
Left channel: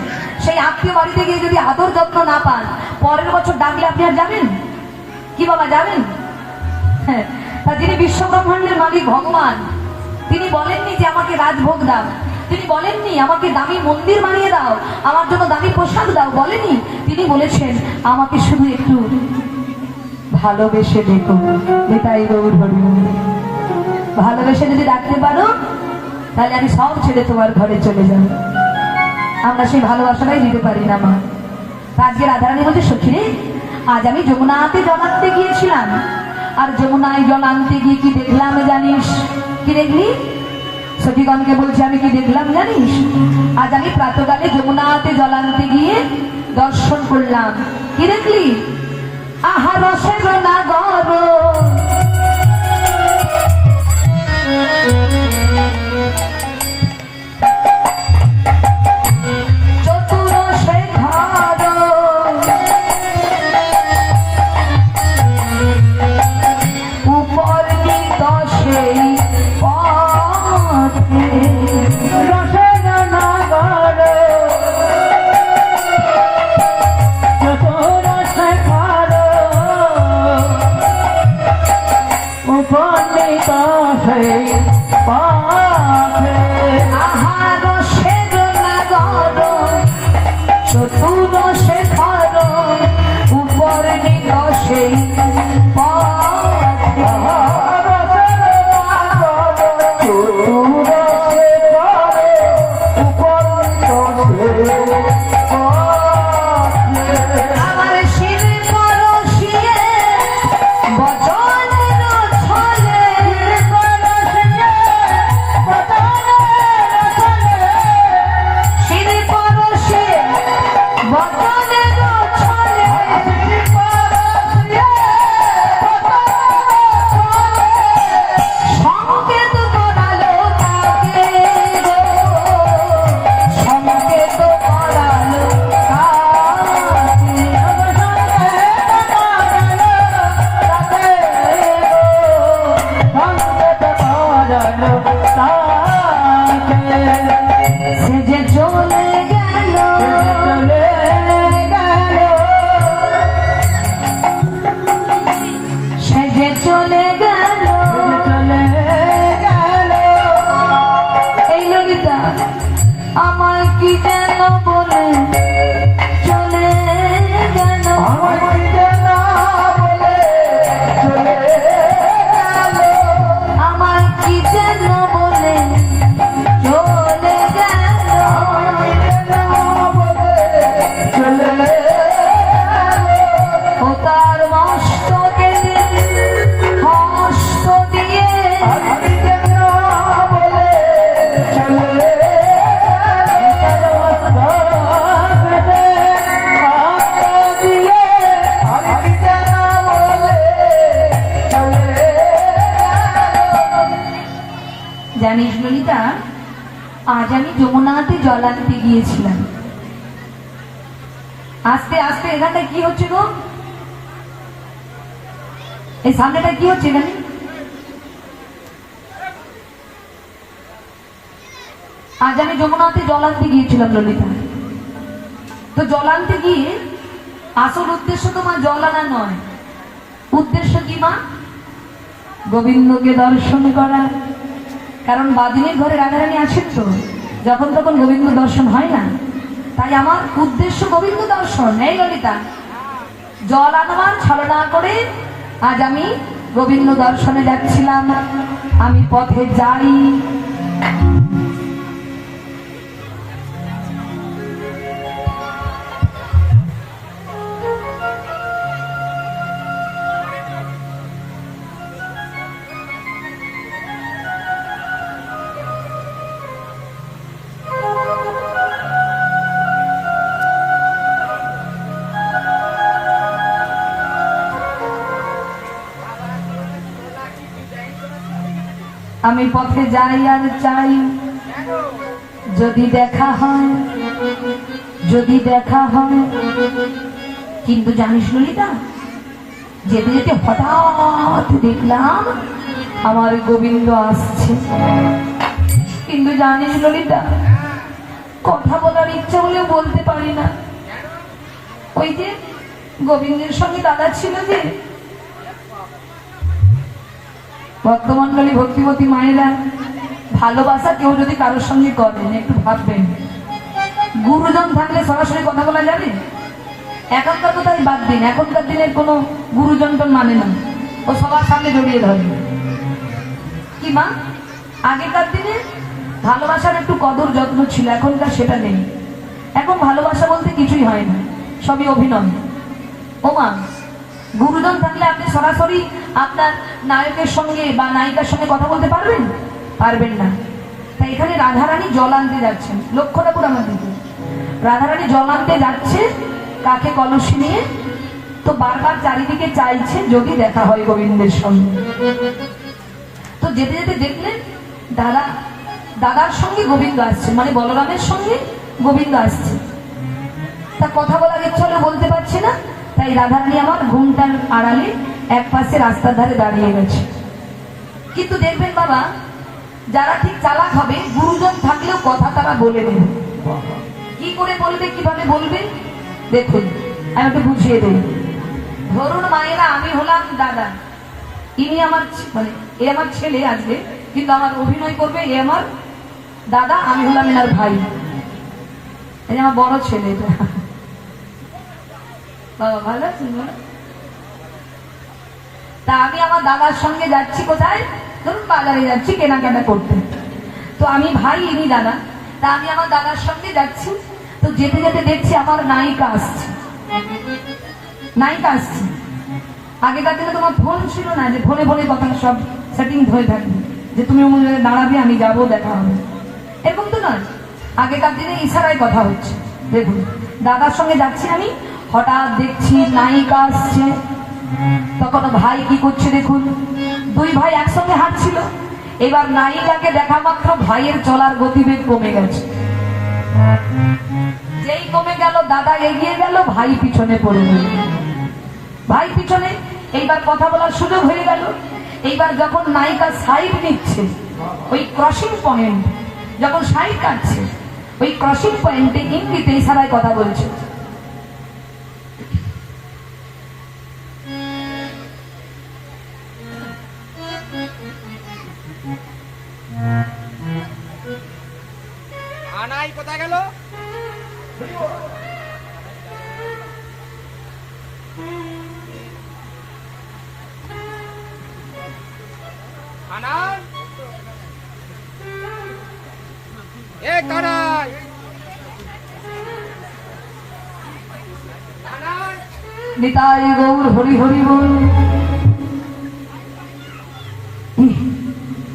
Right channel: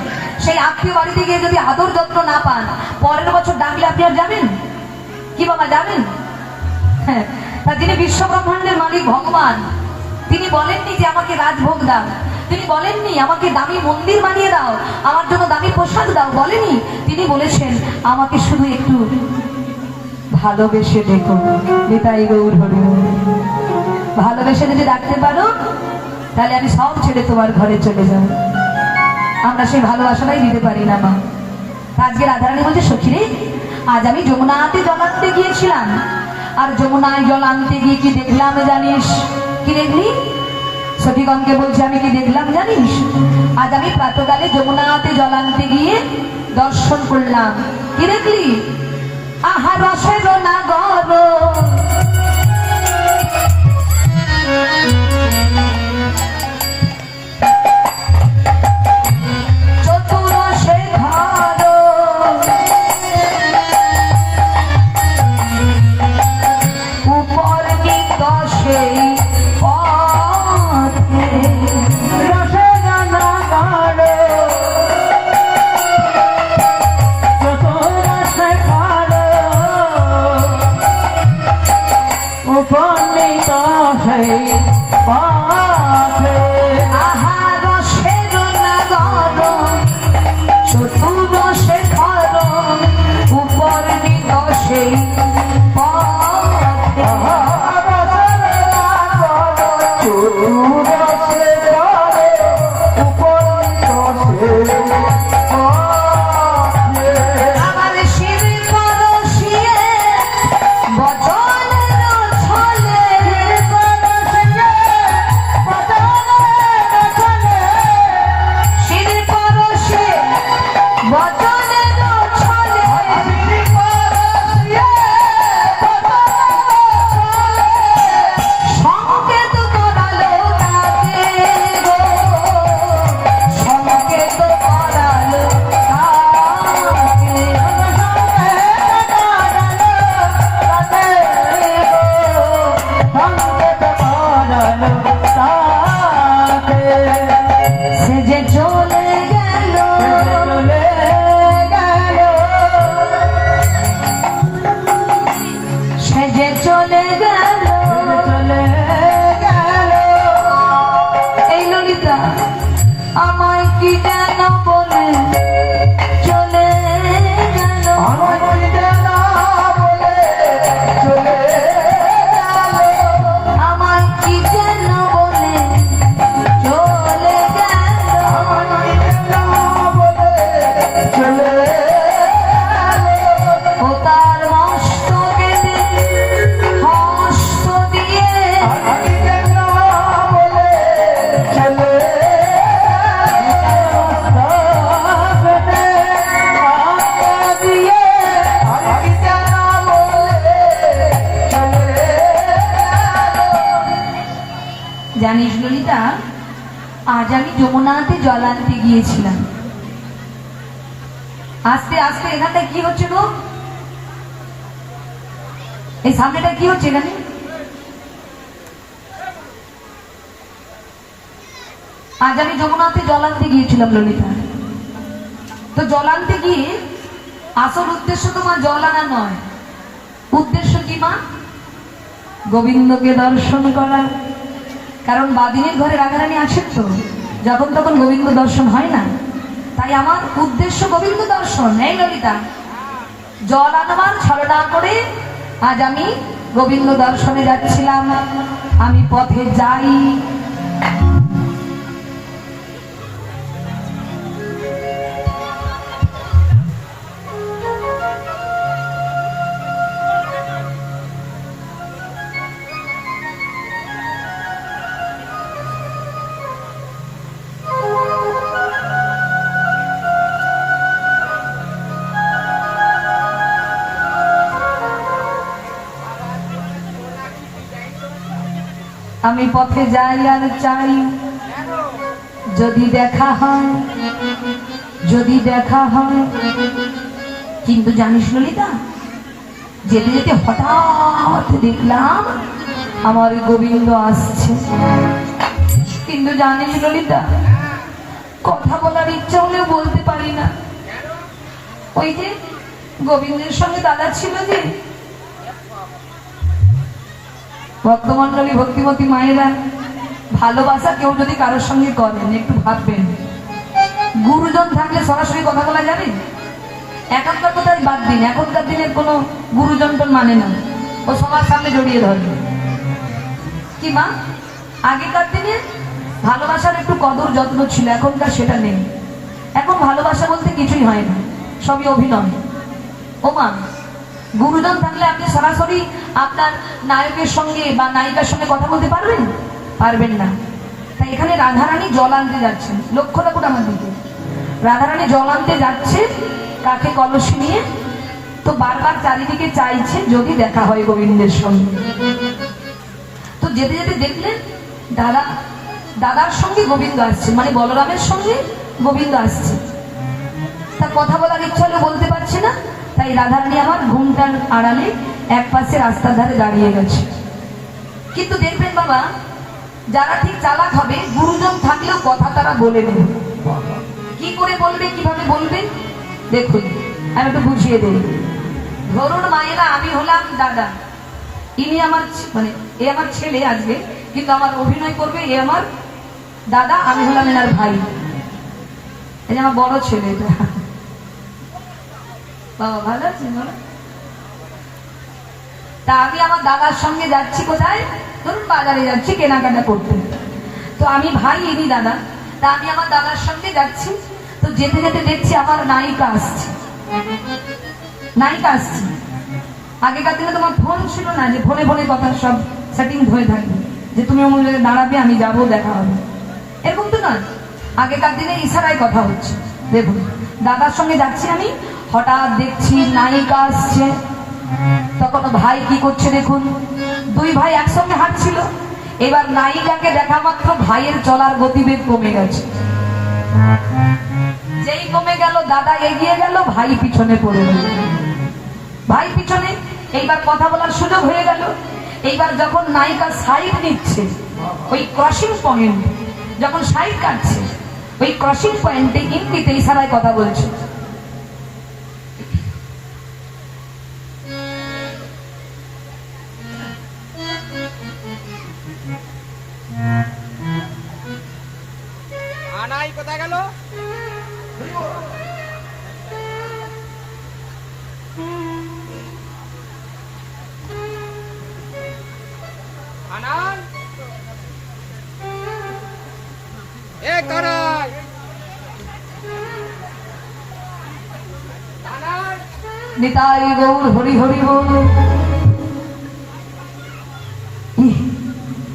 সেই আত্মীয় বাড়িতে গিয়ে যদি আদর যত্ন না পান, পরের বছর ডাকলে আপনি আর যাবেন কি বাবা? যাবেন? হ্যাঁ। তা যিনি বিশ্ব ব্রহ্মাণ্ডের মালিক ভগবান, তিনি বলেননি যে আমাকে রাজভোগ দাও, তিনি বলেননি আমাকে দামি মন্দির বানিয়ে দাও, আমার জন্য দামি পোশাক দাও, বলেনি। তিনি বলেছেন আমাকে শুধু একটু ভালোবেসে দেখো। নিতাই গৌর হরি হরি। ভালোবেসে যদি ডাকতে পারো, তাহলে আমি সব ছেড়ে তোমার ঘরে চলে যাব। আমরা সেই ভালোবাসাটাই দিতে পারি না মা। আজকে রাধারানী বলছে, সখী রে, আজ আমি যমুনাতে জল আনতে গিয়েছিলাম, আর যমুনায় জল আনতে গিয়ে কি দেখলাম জানিস? কি দেখলি? সখীগণকে বলছে, আমি কি দেখলাম জানিস? আজ আমি প্রাতকালে যমুনাতে জল আনতে গিয়ে দর্শন করলাম। কি দেখলি? আহা রসের নাগর, সে যে চলে গেল সে যে চলে গেল এই ললিতা আমায় কি যেন বলে চলে গেল আমায় কি যেন বলে চলে গেল ও তার মস্তকে হস্ত দিয়ে জানিস ললিতা, আজ আমি যমুনাতে জল আনতে গিয়েছিলাম। আস্তে আস্তে এখানটায় কি হচ্ছে গো? এই সামনেটা কি হচ্ছে এখানে? আজ আমি যমুনাতে জল আনতে গিয়েছিলাম ললিতা। তো জল আনতে গিয়ে আসল উদ্দেশ্য তোমার জল আনা নয়। উদ্দেশ্য কি মা? গোবিন্দকে দর্শন করা। কারণ বাদিনীর ঘরে রাধারানী আছেন তো, যখন তখন গোবিন্দ দর্শন হয় না, তাই আমার উদ্দেশ্য গোবিন্দ দর্শন। এই ললিতা, জল আনবার ছলনা করে আজ আমি গোবিন্দ দর্শনে যাচ্ছিলাম। আমি পথে যাই, আমি পথে যাই আর চাই যদি দেখা হয়, যদি দেখা হয়। কিন্তু জানিস ললিতা, যেতে যেতে হঠাৎ দেখলাম আমার গোবিন্দ আসছে। কিন্তু জানিস ললিতা, কথা বলার ইচ্ছা হলে বলতে পারি না। ওই যে গোবিন্দের সঙ্গে দাদা ছিল যে, ভক্তমন্ডলী ভক্তিমতী মায়েরা, ভালোবাসা কেউ যদি কারোর সঙ্গে করেন একটু ভাববেন, গুরুজন থাকলে সরাসরি কথা বলা যাবে? এখনকার কোথায় বাদ দিন, এখনকার দিনের কোনো গুরুজন তো মানে না, ও সবার সামনে জড়িয়ে ধরে। কি মা, আগেকার দিনে ভালোবাসার একটু কদর যত্ন ছিল, এখনকার সেটা নেই। এখন ভালোবাসা বলতে কিছুই হয় না, সবই অভিনয়। ও মা, গুরুজন থাকলে আপনি সরাসরি আপনার নায়কের সঙ্গে বা নায়িকার সঙ্গে কথা বলতে পারবেন? পারবেন না। তাই এখানে রাধারানী জল আনতে যাচ্ছেন, লক্ষ্য রাখুন আমার দিকে। রাধারানী জল আনতে যাচ্ছে কাকে কলসি নিয়ে, তো বারবার চারিদিকে চাইছে যদি দেখা হয় গোবিন্দের সঙ্গে। তো যেতে যেতে দেখলেন দাদার সঙ্গে গোবিন্দ আসছে, মানে বলরামের সঙ্গে গোবিন্দ আসছে। তা কথা বলার ইচ্ছা হলে বলতে পারছে না, তাই রাধারানী আমার ঘুমটার আড়ালে এক পাশে রাস্তার ধারে দাঁড়িয়ে গেছে। কিন্তু দেখবেন বাবা, যারা ঠিক চালাক হবে, গুরুজন থাকলেও কথা তারা বলে দেবে। কি করে বলবে, কিভাবে বলবেন দেখুন, আমি একটু বুঝিয়ে দেই। ধরুন মায়েরা, আমি হলাম দাদা, ইনি আমার মানে এ আমার ছেলে আসবে, কিন্তু আমার অভিনয় করবে এ আমার দাদা, আমি হলাম এনার ভাই। এই আমার বড় ছেলে, এটা বাবা ভালো আছে। তা আমি আমার দাদার সঙ্গে যাচ্ছি কোথায়, ধরুন বাজারে যাচ্ছি কেনাকাটা করতে। তো আমি ভাই, ইনি দাদা। তা আমি আমার দাদার সঙ্গে যাচ্ছি। তো যেতে যেতে দেখছি আমার নায়িকা আসছে, নায়িকা আসছে। আগেকার দিনে তোমার ফোন ছিল না, যে ফোনে ফোনে কথা সব সেটিং হয়ে থাকবে, যে তুমি আমার জায়গায় দাঁড়াবে, আমি যাবো, দেখা হবে, এরকম তো নয়। আগেকার দিনে ইশারায় কথা হচ্ছে। দেখুন, দাদার সঙ্গে যাচ্ছি আমি, হঠাৎ দেখছি নায়িকা আসছে। তখন ভাই কি করছে দেখুন, দুই ভাই একসঙ্গে হাঁটছিল। এবার নায়িকাকে দেখা মাত্র ভাইয়ের চলার গতিবেগ কমে গেছে। যেই কমে গেল, দাদা এগিয়ে গেল, ভাই পিছনে পড়ে গেল। ভাই পিছনে, এইবার কথা বলার সুযোগ হয়ে গেল। এইবার যখন নায়িকা সাইড নিচ্ছে, ওই ক্রসিং পয়েন্ট যখন সাইড কাটছে, ওই ক্রসিং পয়েন্টে ইঙ্গিতে ইশারায় কথা বলছে। আনাই কোথায় গেল? আনাই এ কানাই আনাই নিতাই গৌর হরি হরি বল।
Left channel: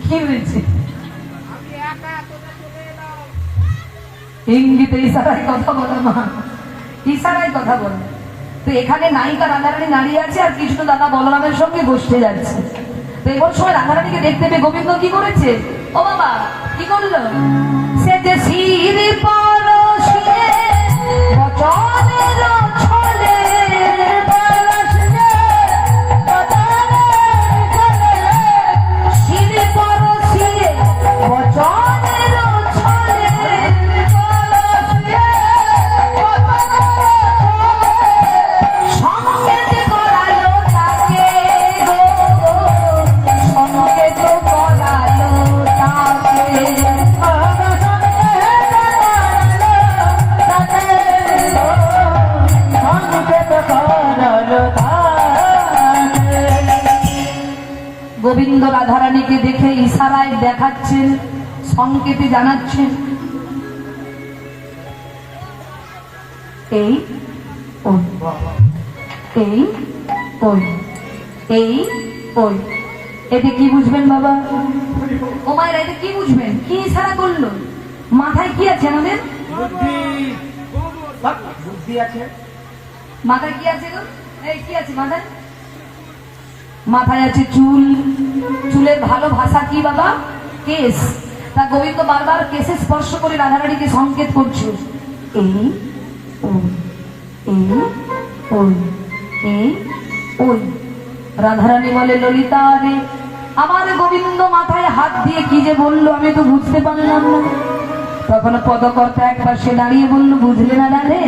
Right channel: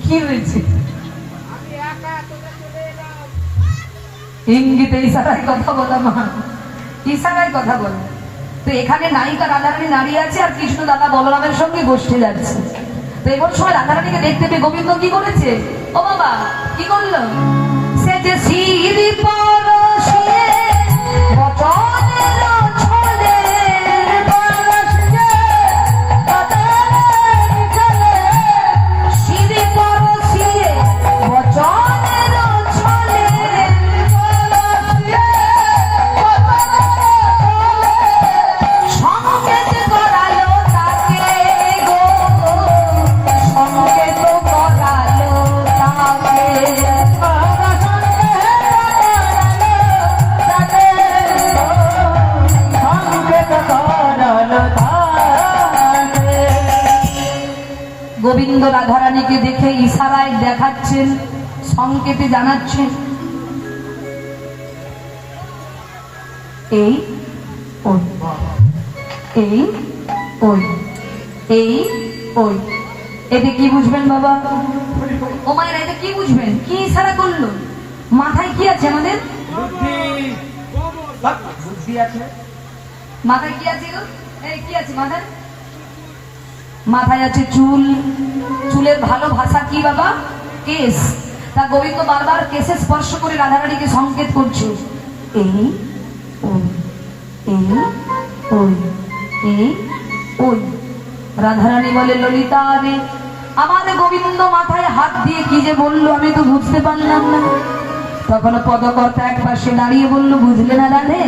কি হয়েছে? আমি একা তোকে চলে এলাম। ইঙ্গিতে ইশারায় কথা বলা মা, ইশারায় কথা বলে। তো এখানে নায়িকা রাধারানী দাঁড়িয়ে আছে আর কৃষ্ণ দাদা বলরামের সঙ্গে গোষ্ঠে যাচ্ছে। তো এমন সময় রাধারানীকে দেখতে পেয়ে গোবিন্দ কি করেছে? ও বাবা কি করলো? সে যে শির পরশে বচনের ছলে শির পরশে বচনের ছলে সংকেত করালো তাকে গো, সংকেত করালো তাকে। গোবিন্দ রাধারানীকে দেখে ইশারায় দেখাচ্ছেন, সংকেতে জানাচ্ছেন এই ওই, এই ওই, এই ওই। এতে কি বুঝবেন বাবা? ও মায়ের এতে কি বুঝবেন? কি ইশারা করলো? মাথায় কি আছে আমাদের? বুদ্ধি আছে। মাথায় কি আছে গো? এই কি আছে মাথায়? মাথায় আছে চুল। চুলের ভালো ভাষা কি বাবা? কেশ। তা গোবিন্দ বারবার কেশে স্পর্শ করে রাধারানীকে সংকেত করছে এই ওই, এই ওই, এই ওই। রাধারানী বলে ললিতা রে, আমার গোবিন্দ মাথায় হাত দিয়ে কি যে বললো আমি তো বুঝতে পারলাম না। তখন পদকর্তা এক পাশে দাঁড়িয়ে বলল, বুঝলে না রাধে?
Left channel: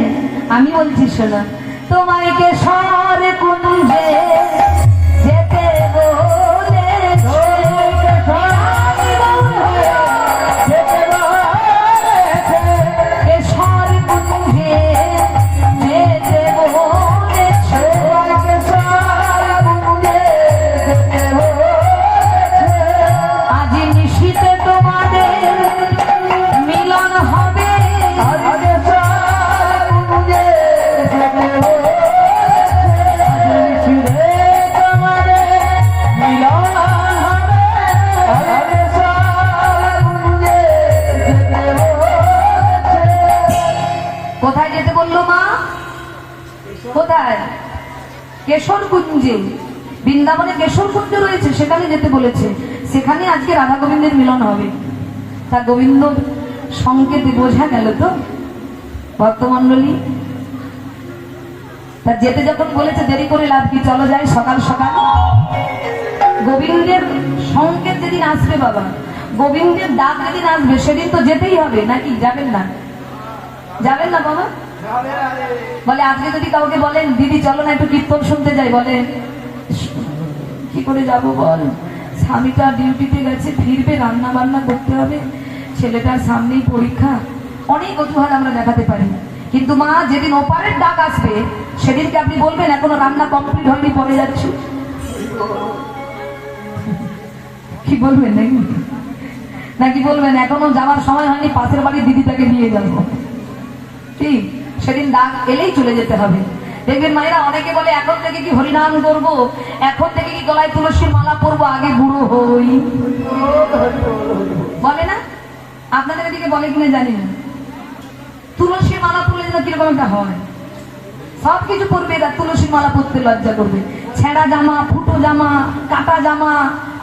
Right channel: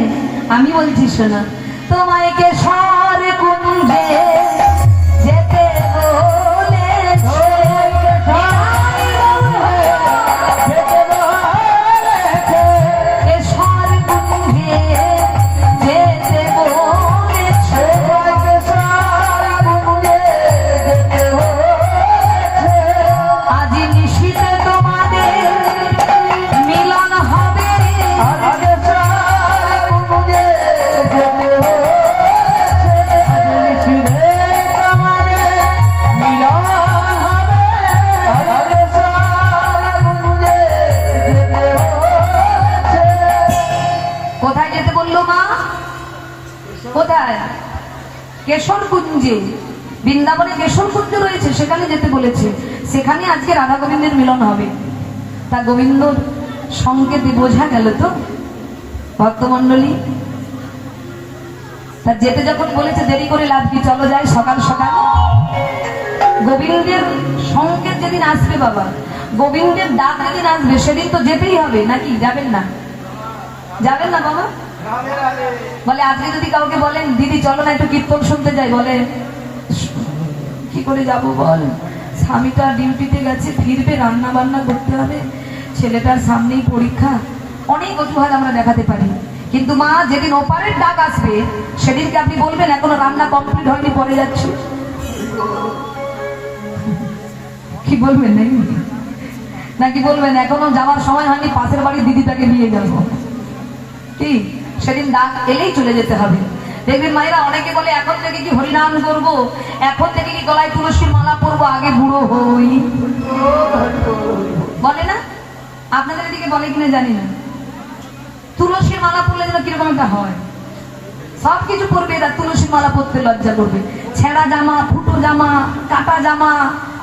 আমি বলছি শোনা, তোমায় কেশর কুঞ্জে যেতে বলেছে, কেশর কুঞ্জে যেতে বলেছে, আজ নিশীথে তোমাদের মিলন হবে, কোথায় যেতে বললো মা? কোথায়? কেশর কুঞ্জে। বৃন্দাবনে কেশর কুঞ্জ রয়েছে, সেখানে যেতে বলেছে। সেখানে আজকে রাধা গোবিন্দের মিলন হবে। তা গোবিন্দ সংকেতে বোঝা গেল তো ভক্তমন্ডলী। তা যেতে যখন বলেছে দেরি করে লাভ কি, চলো যাই সকাল সকাল। গোবিন্দের সংকেত যেদিন আসবে বাবা, গোবিন্দের ডাক যেদিন আসবে সেদিন তো যেতেই হবে, নাকি যাবেন না? যাবেন না বাবা? বলে আজকে যদি কাউকে বলেন দিদি চলো না একটু কীর্তন শুনতে যাই, বলে কি করে যাব বল, স্বামীটা ডিউটিতে গেছে, ফিরবে, রান্না বান্না করতে হবে, ছেলেটার সামনেই পরীক্ষা। অনেক অজুহাত আমরা দেখাতে পারি, কিন্তু মা যেদিন ওপারের ডাক আসবে সেদিনকে আপনি বলবেন এখনো রান্না কমপ্লিট হয়নি, পরে যাচ্ছি। কি বলবেন নাকি বলবেন এখনো যাওয়ার সময় হয়নি, পাশের বাড়ির দিদিটাকে নিয়ে যাবো? ঠিক সেদিন ডাক এলেই চলে যেতে হবে। দেখবেন মায়েরা অনেকে বলে এখন থেকে কি হরিনাম করবো, এখন থেকে কি গলায় তুলসীর মালা পরবো, আগে বুড়ো হই, বলে না? আপনাদের এদিকে বলে কিনা জানি না। তুলসীর মালা পরলে যেন কিরকম একটা হয়, সবকিছু পরবে, তার তুলসীর মালা পরতে লজ্জা করবে। ছেঁড়া জামা, ফুটো জামা, কাটা জামা,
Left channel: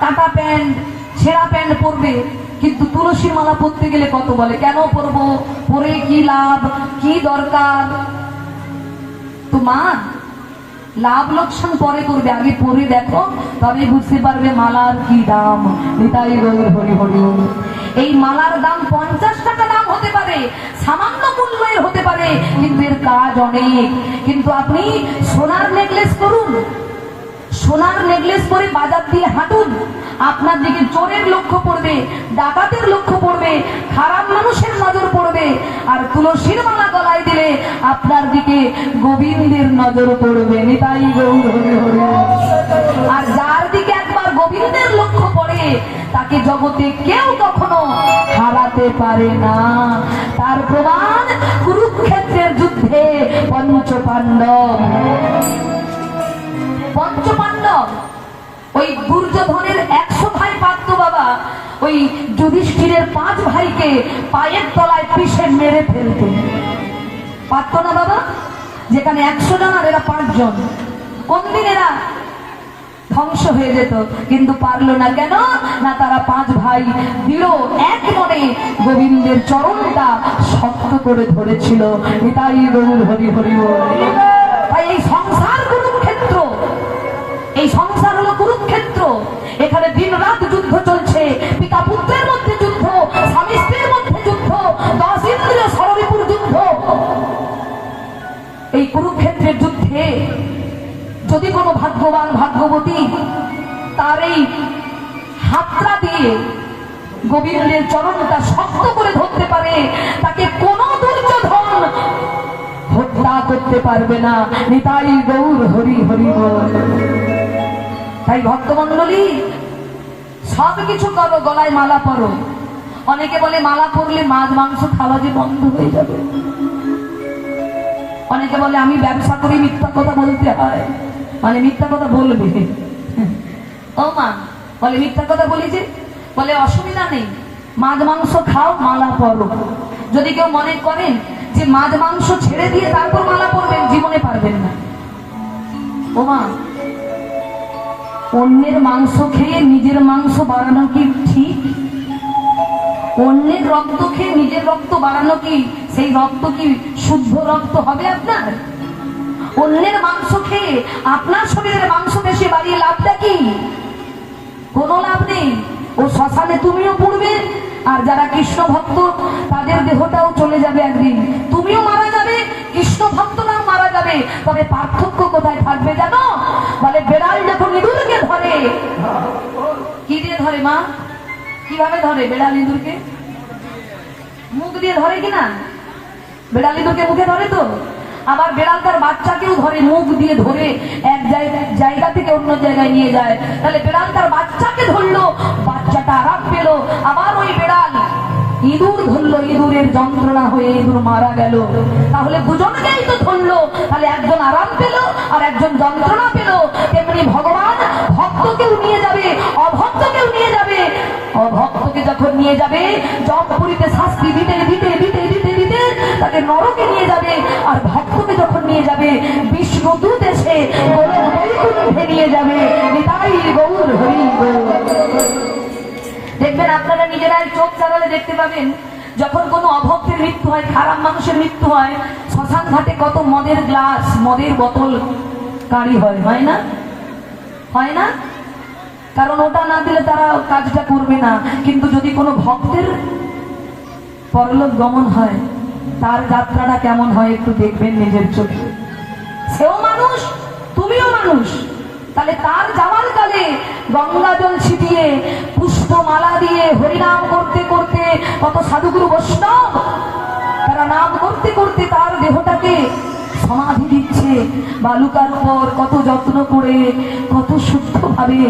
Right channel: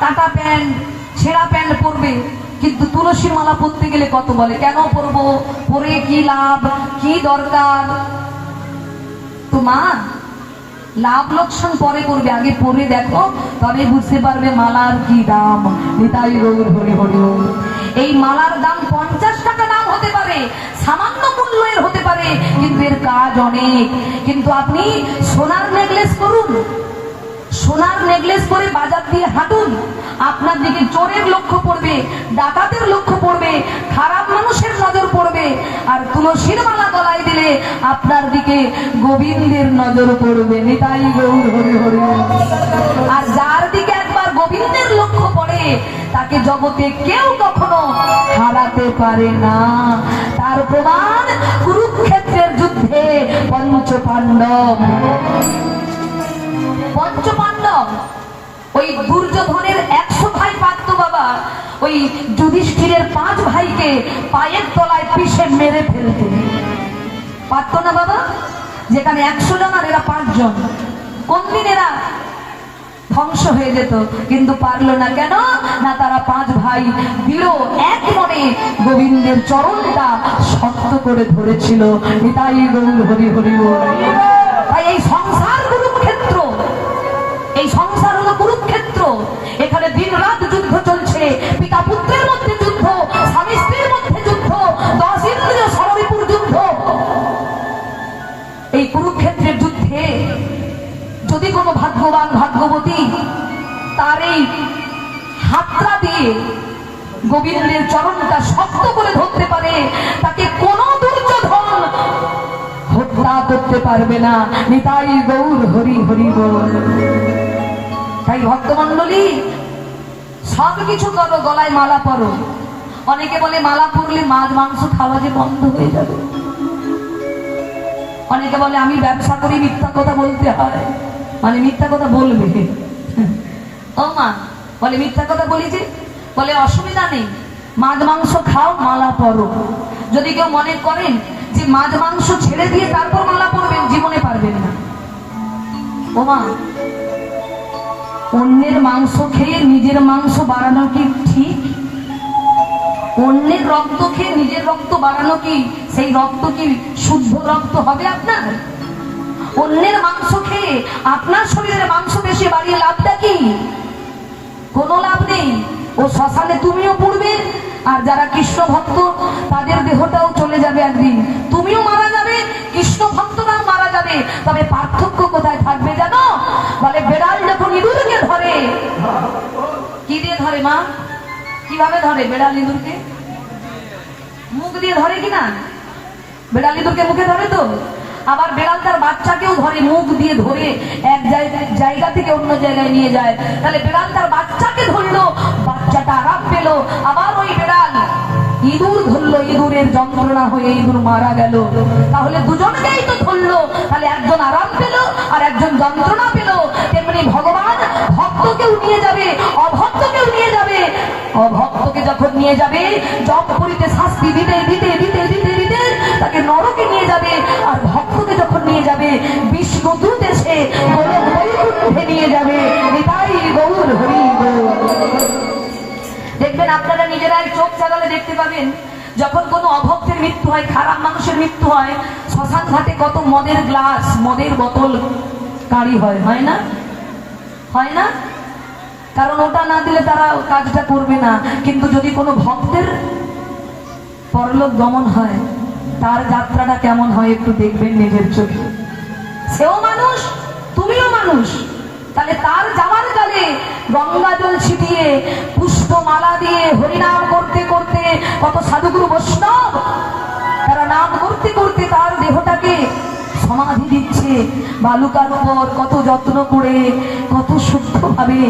কাটা প্যান্ট, ছেঁড়া প্যান্ট পরবে, কিন্তু তুলসীর মালা পরতে গেলে কত বলে, কেন পরবো, পরে কি লাভ, কি দরকার। তো মা লাভ লোকসান পরে করবে, আগে পরে দেখো, তবে বুঝতে পারবে মালার কি দাম। নিতাই গৌর হরি হরি। এই মালার দাম 50 টাকা দাম হতে পারে, সামান্য মূল্য এর হতে পারে, কিন্তু এর কাজ অনেক। কিন্তু আপনি সোনার নেকলেস করুন, সোনার নেকলেস করে বাজার দিয়ে হাঁটুন, আপনার দিকে চোরের লক্ষ্য পড়বে, ডাকাতের লক্ষ্য পড়বে, খারাপ মানুষের নজর পড়বে। আর তুলসীর মালা গলায় দিলে আপনার দিকে গোবিন্দের নজর পড়বে। নিতাই গৌর হরি হরি। আর যার দিকে একবার গোবিন্দের লক্ষ্য পড়ে তাকে জগতে কেউ কখনো হারাতে পারে না। তার প্রমাণ কুরুক্ষেত্রের যুদ্ধে পঞ্চপাণ্ডব, ওই দুর্যোধনের 100 ভাই পারত বাবা, ওই যুধিষ্ঠিরের 5 ভাইকে পায়ের তলায় পিষে মেরে ফেলতো। পারত না বাবা? যেখানে 100 জন আর এরা 5 জন, কোন দিন এরা ধ্বংস হয়ে যেত। কিন্তু পারলো না কেন? না, তারা 5 ভাই দৃঢ় এক মনে গোবিন্দের চরণটা শক্ত করে ধরেছিল। নিতাই গৌর হরি হরি বল। তাই এই সংসার কুরুক্ষেত্র, এই সংসার হলো কুরুক্ষেত্র। এখানে দিন রাত যুদ্ধ চলছে, পিতা পুত্রের মধ্যে যুদ্ধ, স্বামী স্ত্রীর মধ্যে যুদ্ধ, 10 ইন্দ্রিয় সরবিপুর যুদ্ধ। এই কুরুক্ষেত্রের যুদ্ধে যদি কোনো ভাগ্যবান ভাগ্যবতী তার এই হাতটা দিয়ে গোবিন্দের চরণটা শক্ত করে ধরতে পারে, তাকে কোনো দুর্যোধন হত্যা করতে পারবে না। নিতাই গৌর হরি হরি বল। তাই ভক্তমণ্ডলী, সব কিছু করো, গলায় মালা পরো। অনেকে বলে মালা পরলে মাছ মাংস খাওয়া যে বন্ধ হয়ে যাবে। অনেকে বলে আমি ব্যবসা করি, মিথ্যা কথা বলতে হয়, মানে মিথ্যা কথা বলবে। ও মা বলে মিথ্যা কথা বলি যে, বলে অসুবিধা নেই, মাছ মাংস খাও, মালা পরো। যদি কেউ মনে করেন যে মাছ মাংস ছেড়ে দিয়ে তারপর মালা পরবেন, জীবনে পারবেন না। ও মা, অন্যের মাংস খেয়ে নিজের মাংস বাড়ানো কি ঠিক? অন্যের রক্ত খেয়ে নিজের রক্ত বাড়ানো কি, সেই রক্ত কি শুদ্ধ রক্ত হবে আপনার? অন্যের মাংস খেয়ে আপনার শরীরের মাংস বেশি বাড়িয়ে লাভটা কি? কোনো লাভ নেই। ও শ্মশানে তুমিও পড়বে, আর যারা কৃষ্ণ ভক্ত তাদের দেহটাও চলে যাবে একদিন, তুমিও মারা যাবে, কৃষ্ণ ভক্তরাও মারা যাবে। তবে পার্থক্য কোথায় থাকবে জানো? বলে বেড়াল যখন ইঁদুরকে ধরে, কি দিয়ে ধরে মা? কিভাবে ধরে বেড়াল ইঁদুরকে? মুখ দিয়ে ধরে কিনা? বেড়াল ইঁদুরকে মুখে ধরে তো। আবার বেড়াল তার বাচ্চাকেও ধরে, মুখ দিয়ে ধরে এক জায়গা থেকে অন্য জায়গায় নিয়ে যায়। তাহলে বেড়াল তার বাচ্চাকে ধরলো, বাচ্চাটা আরাম পেল। আবার ওই বেড়াল ইঁদুর ধরলো, ইঁদুরের যন্ত্রণা হয়ে ইঁদুর মারা গেল। তাহলে দুজনকেই তো ধরলো, তাহলে একজন আরাম পেল আর একজন যন্ত্রণা পেল। তেমনি ভগবান ভক্তকেও নিয়ে যাবে, অভক্তকেও নিয়ে যাবে। অভক্তকে যখন নিয়ে যাবে, জমপুরীতে শাস্তি দিতে দিতে দিতে দিতে দিতে তাকে নরকে নিয়ে যাবে। আর ভক্তকে যখন নিয়ে যাবে, বিষ্ণু দূত এসে বৈকুণ্ঠে নিয়ে যাবে। নিতাই গৌর হরি গৌর। দেখবেন আপনারা নিজেরাই চোখ চালালে দেখতে পাবেন, যখন কোনো অভক্তের মৃত্যু হয়, খারাপ মানুষের মৃত্যু হয়, শ্মশান ঘাটে কত মদের গ্লাস, মদের বোতল কাঁড়ি হয়, হয় না? হয় না? কারণ ওটা না দিলে তারা কাজটা করবে না। কিন্তু যদি কোনো ভক্তের পরলোক গমন হয়, তার যাত্রাটা কেমন হয় একটু দেখবেন নিজের চোখে। সেও মানুষ, তুমিও মানুষ। তাহলে তার যাওয়ার কালে গঙ্গা জল ছিটিয়ে, পুষ্পমালা দিয়ে হরিনাম করতে করতে কত সাধুগুরু বৈষ্ণব তারা নাম করতে করতে তার দেহটাকে সমাধি দিচ্ছে বালুকার উপর, কত যত্ন করে, কত শুদ্ধ ভাবে।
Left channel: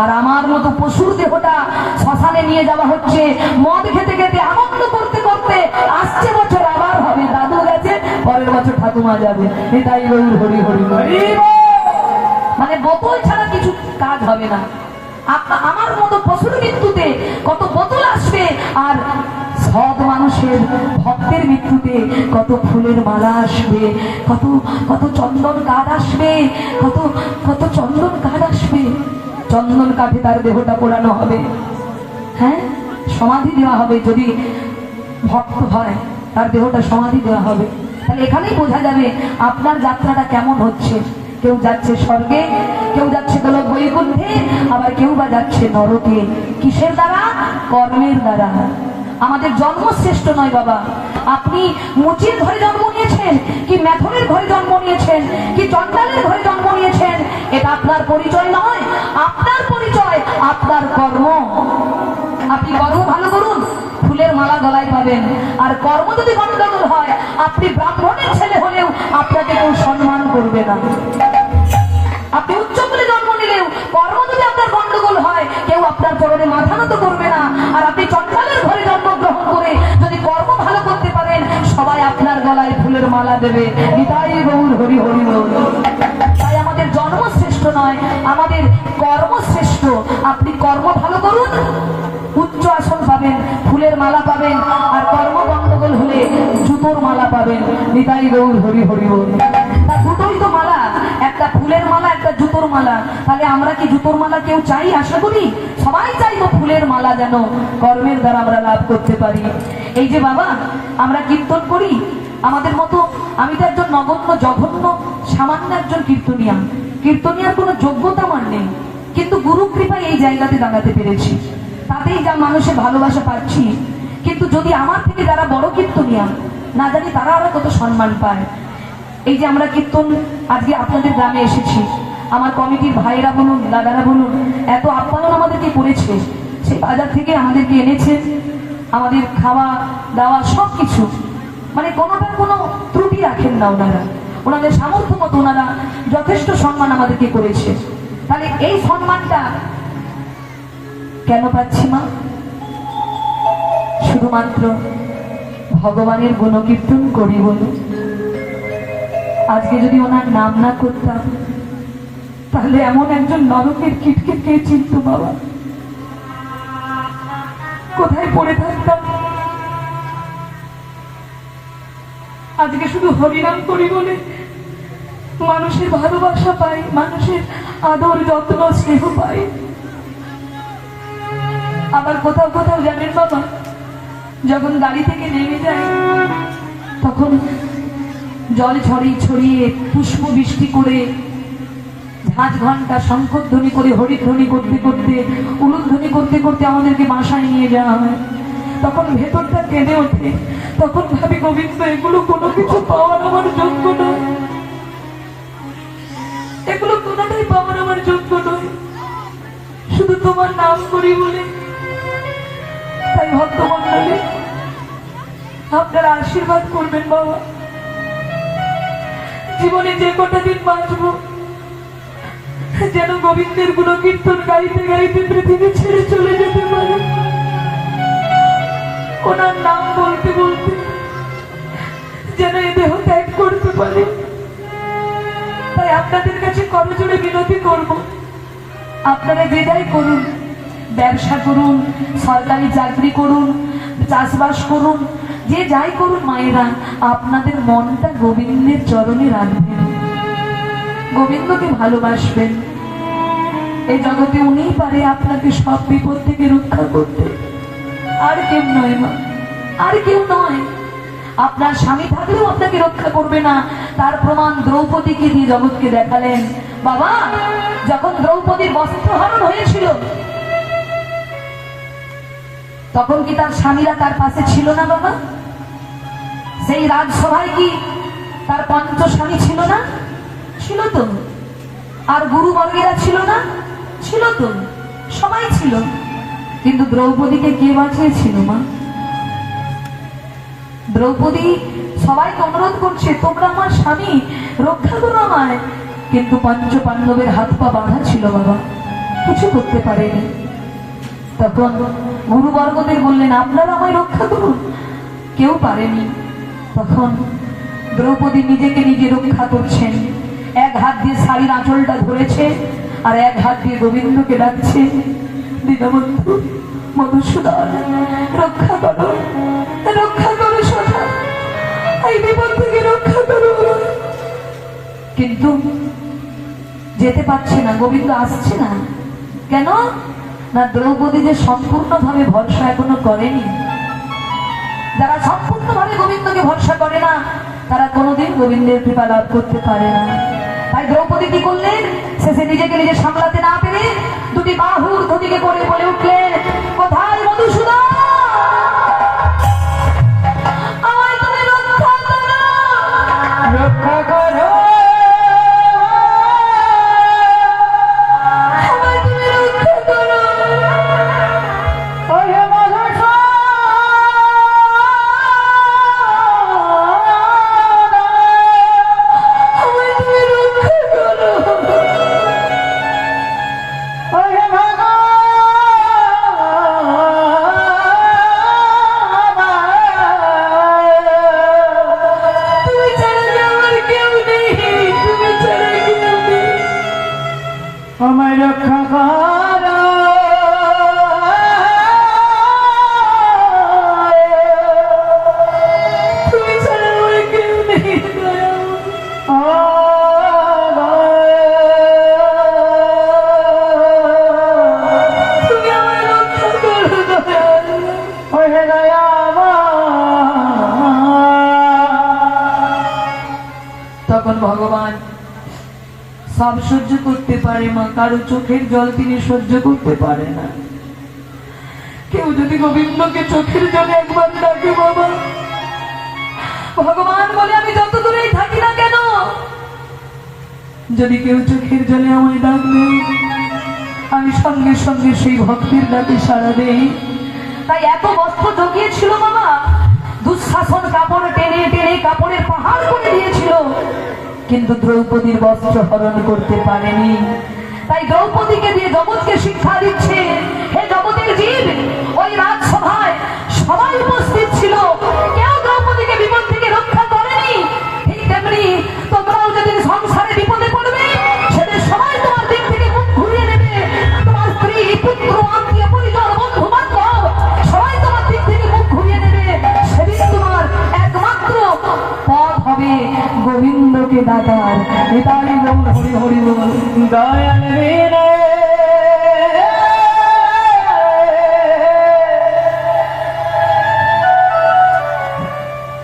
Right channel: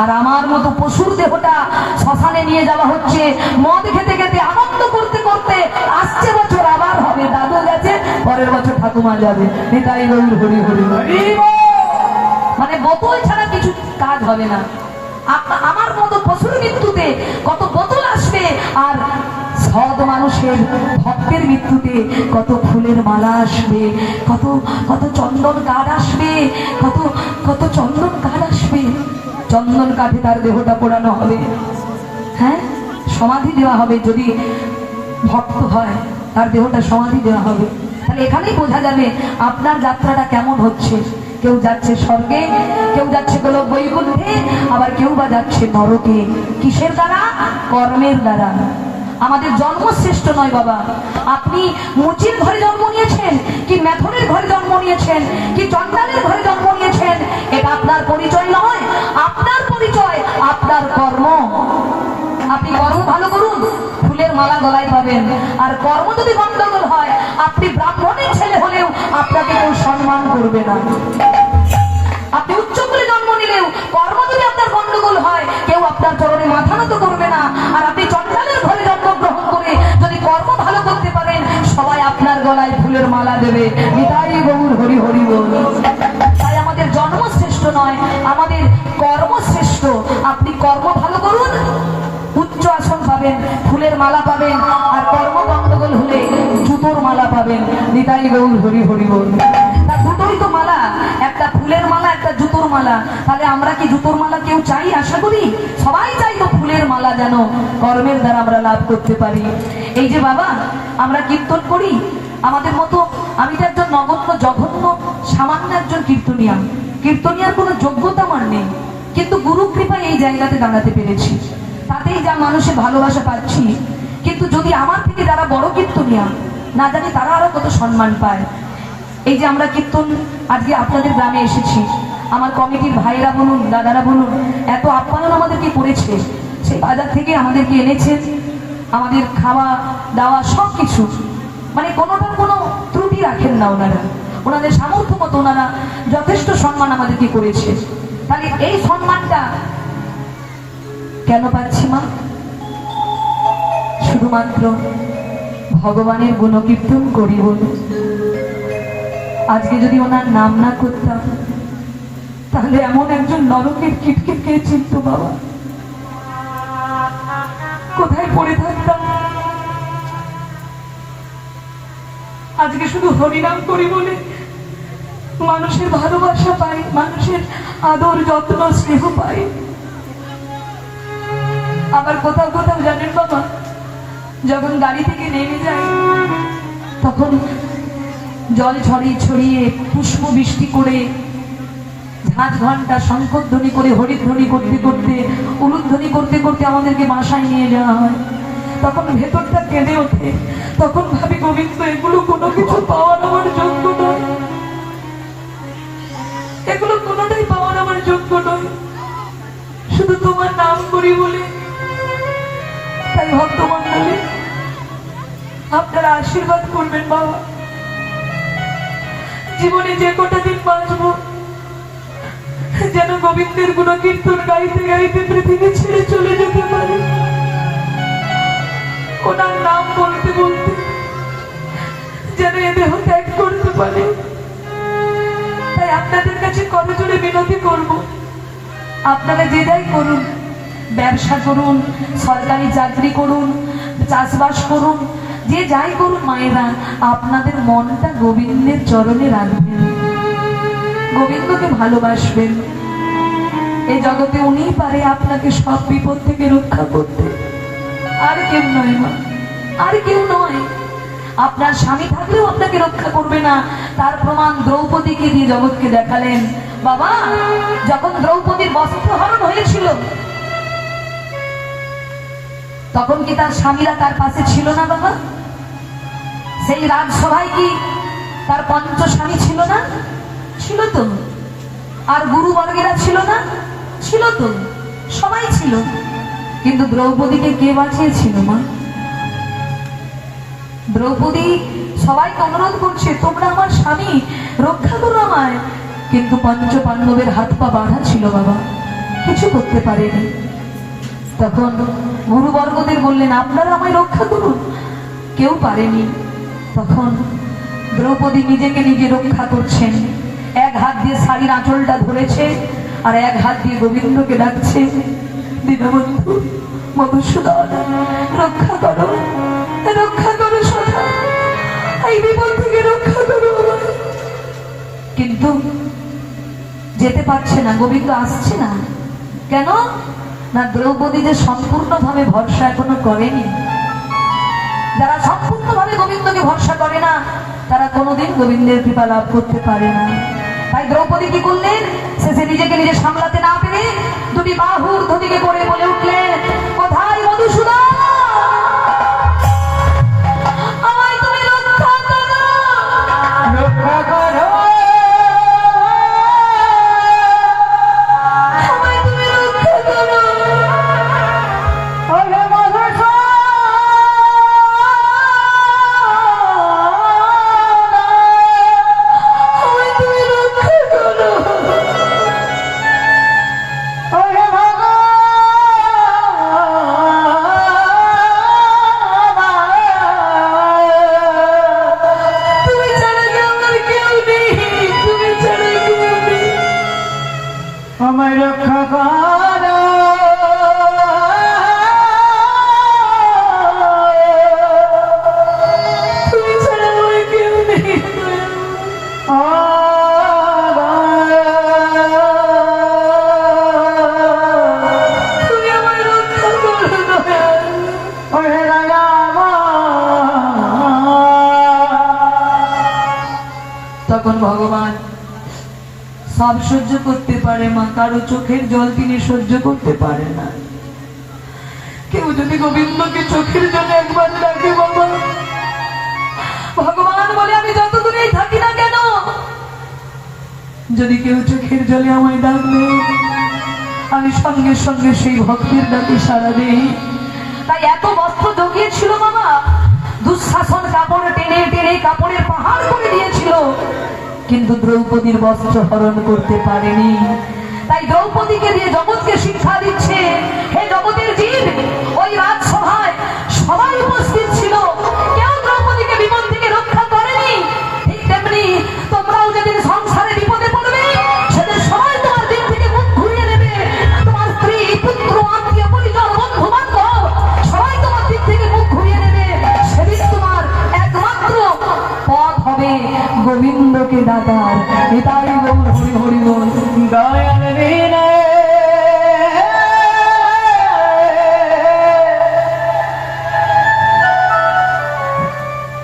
আর আমার মতো পশুর দেহটা শ্মশানে নিয়ে যাওয়া হচ্ছে, মদ খেতে খেতে আনন্দ করতে করতে। আসছে বছর আবার হবে, দাদু গেছে, পরের বছর ঠাকুমা যাবে। এটাই গৌর হরি হরি হরি। মানে বোতল ছাড়া কিছু কাজ হবে না। আমার মতো পশুর মৃত্যুতে কত বোতল আসবে, আর সৎ মানুষের ভক্তের মৃত্যুতে কত ফুলের মালা আসবে, কত কত চন্দন কাঠ আসবে, কত কত চন্দন কাঠ আসবে। চন্দন কাঠে তার দেহটা পোড়ানো হবে, হ্যাঁ, সমাধি দেওয়া হবে। যদি ভক্ত হয় তার দেহটা সমাধি দেওয়া হবে। তাহলে এখানেই বোঝা যাবে আপনার যাত্রাটা কেমন হচ্ছে। কেউ যাচ্ছে স্বর্গে, কেউ যাচ্ছে গোলক বৈকুণ্ঠে, আবার কেউ বা যাচ্ছে নরকে। কিসের দ্বারা? কর্মের দ্বারা। আমাদের জন্ম শ্রেষ্ঠ নয় বাবা। আপনি মুচির ঘরে জন্ম নিয়েছেন, কি মেথরের ঘরে জন্ম নিয়েছেন, কি চন্ডালের ঘরে জন্ম নিয়েছেন, এটা আপনার পরিচয় নয়। আপনার পরিচয় আপনার কর্ম। আপনি কর্ম ভালো করুন, ফুলের মালা গলায় পাবেন। আর কর্ম যদি গন্ডগোল হয়, আপনি ব্রাহ্মণের ছেলে হলেও আপনাকে কেউ সম্মান করবে না। আপনি উচ্চ কুলে জন্ম নিলেও কর্ম যদি আপনার গন্ডগোল হয়, কেউ আপনার চরণে মাথা নত করবে না। আর আপনি চন্ডালের ঘরে জন্মগ্রহণ করে যদি কর্ম ভালো করতে পারেন, সবাই আপনার গলায় ফুলের মালা দেবে। নিতাই গৌর হরি হরি বল। তাই আমাদের জন্ম শ্রেষ্ঠ নয়, আমাদের কর্ম শ্রেষ্ঠ। আপনি কর্ম ভালো করুন, উচ্চ আসন পাবেন, ফুলের মালা পাবেন। আর কর্ম গন্ডগোল হলে জুতোর মালা পাবেন। নিতাই গৌর হরি হরি বল। দুটোই তো মালা, একটা ফুলের মালা, একটা জুতোর মালা। তাহলে আমরা কি জুতোর মালা কেউ চাই? আশা করি সবাই চাইবো ফুলের মালা যেন কর্মের দ্বারা আমরা লাভ করতে পারি। এই যে বাবা আমরা কীর্তন করি, আমাদের মতো, আমি তো একজন নগণ্য জঘন্য সামান্য একজন কীর্তনিয়ার। কীর্তনিয়ার কোনো যোগ্যতা আমার নেই, কিন্তু গুরু কৃপায় এই জায়গাতে দাঁড়াতে পেরেছি। তাতেই যা মানুষের ভালোবাসা পাচ্ছি। কিন্তু যদি আমার থেকে যারা বড় কীর্তনিয়া, না জানি তারা আরো কত সম্মান পায়। এই যে আমরা কীর্তন আজকে আপনাদের গ্রামে এসেছি, আমার কমিটির ভাইয়েরা বলুন, দাদারা বলুন, এত আপ্যায়ন আমাদেরকে করেছে। সেই বাজার থেকে আমাদেরকে এনেছে, আমাদের খাওয়া দাওয়া সবকিছু, মানে কোনোটার কোনো ত্রুটি রাখেন না ওনারা। ওনাদের সামর্থ্য মতো ওনারা যথেষ্ট সম্মান আমাদেরকে করেছে। তাহলে এই সম্মানটা কেন পাচ্ছি মা? শুধুমাত্র ভগবানের গুণকীর্তন করি বলে। আজকে যদি ওনার নাম না করতাম, তাহলে এমন একজন নরকের কীটকে কে চিনত বাবা? কোথায় পড়ে থাকতাম? আজকে শুধু হরিনাম করি বলে মানুষের ভালোবাসা পাই, মানুষের আদর যত্ন স্নেহ পাই। আবার কোথাও কোথাও জানেন বাবা, যখন গাড়ি থেকে নেমে যায়, তখন জল ছড়িয়ে ছড়িয়ে, পুষ্প বৃষ্টি করে, ঝাঁঝ ঘন্টা শঙ্খধ্বনি করে, হরিধ্বনি করতে করতে, উলুধ্বনি করতে করতে আমাদেরকে বাসায় নিয়ে যাওয়া হয়। তখন ভেতরটা কেঁদে ওঠে। তখন ভাবি, গোবিন্দ, এগুলো কোনো কিছু পাওয়ার আমার যোগ্য নয়, এগুলো কোনোটাই পাওয়ার আমার যোগ্য নয়, শুধু তোমার নাম করি বলে। তাই ভক্তমণ্ডলী, আপনারা আশীর্বাদ করবেন বাবা, জীবনে যে কটা দিন বাঁচব, যেন গোবিন্দের গুণকীর্তন গাইতে গাইতে পৃথিবী ছেড়ে চলে যেতে পারে, ওনার নাম বলতে বলতে যেন এ দেহ ত্যাগ করতে পারে। তাই আপনাদের কাছে করজোড়ে বিনতি করব, আপনারা যে যাই করুন, ব্যবসা করুন, সরকারি চাকরি করুন, চাষবাস করুন, যে যাই করুন মায়েরা, আপনাদের মনটা গোবিন্দের চরণে রাখবেন, গোবিন্দকে ভালোবাসবেন। এই জগতে উনিই পারে আপনাকে সব বিপদ থেকে রক্ষা করতে, আর কেউ নয় মা, আর কেউ নয়। আপনার স্বামী থাকলেও আপনাকে রক্ষা করবে না। তার প্রমাণ দ্রৌপদীকে দিয়ে জগৎকে দেখালেন। বাবা, যখন দ্রৌপদীর বস্ত্রহরণ হয়েছিল, তখন কি তার স্বামীরা তার পাশে ছিল না বাবা? সেই রাজসভায় কি তার পঞ্চ স্বামী ছিল না? ছিল তো। আর গুরুবর্গেরা ছিল না? ছিল তো, সবাই ছিল। কিন্তু দ্রৌপদীকে কে বাঁচিয়েছিল মা? দ্রৌপদী সবাইকে অনুরোধ করছে, তোমরা আমার স্বামী, রক্ষা করো আমায়। কিন্তু পঞ্চ পাণ্ডবের হাত পা বাঁধা ছিল বাবা, কিছু করতে পারেনি। তখন গুরুবর্গদের বললেন, আপনারা আমায় রক্ষা করুন। কেউ পারেনি। তখন দ্রৌপদী নিজেকে নিজে রক্ষা করছেন। এক হাত দিয়ে শাড়ির আঁচলটা ধরেছে, আর এক হাত দিয়ে গোবিন্দকে ডাকছে, দীনবন্ধু মধুসূদন, রক্ষা করো, রক্ষা করো সদা, এই বিপদ থেকে রক্ষা করো। কিন্তু যেতে পারছে না, গোবিন্দ আসছে না। কেন না? দ্রৌপদী যে সম্পূর্ণভাবে ভরসা এখনো করেনি। যারা সম্পূর্ণভাবে গোবিন্দকে ভরসা করে না, তারা কোনোদিন গোবিন্দের কৃপা লাভ করতে পারে না। তাই দ্রৌপদী কি করলেন? শেষে নিজেকে নিজে সামলাতে না পেরে দুটি বাহুর ধতিকে করে বলে উঠলেন, কোথায় মধুসূদন? সব সহ্য করতে পারে মা, কারো চোখের জল তিনি সহ্য করতে পারে না। কেউ যদি গোবিন্দকে চোখের জলে একবার ডাকে বাবা, ভগবান বলে আমি যত দূরেই থাকি না কেন, যদি কেউ চোখের জলে আমায় ডাকবে আমি সঙ্গে সঙ্গে সেই ভক্তের ডাকে সাড়া দেই। তাই এত বস্ত্র ঢুকিয়েছিল বাবা, দুঃশাসন কাপড় টেনে টেনে কাপড়ের পাহাড় করে দিয়েছিল, কিন্তু দ্রৌপদীর বস্ত্র হরণ করতে পারেনি। তাই দ্রৌপদীকে দিয়ে জগৎকে শিক্ষা দিচ্ছে, হে জগতের জীব, ওই রাজসভায় সবাই উপস্থিত ছিল, কেউ দ্রৌপদীকে বিপদ থেকে রক্ষা করেনি। ঠিক তেমনি তোমরাও যেদিন সংসারে বিপদে পড়বে সেদিন সবাই তোমার দিক থেকে মুখ ঘুরিয়ে নেবে। তোমার স্ত্রী, পুত্র, আত্মীয় পরিজন, বন্ধু বান্ধব সবাই তোমার দিক থেকে মুখ ঘুরিয়ে নেবে। সেদিন তোমার একমাত্র পথ হবে গোবিন্দকে ডাকার। এটাই বল হরি হরি বল। দয়াল বিনা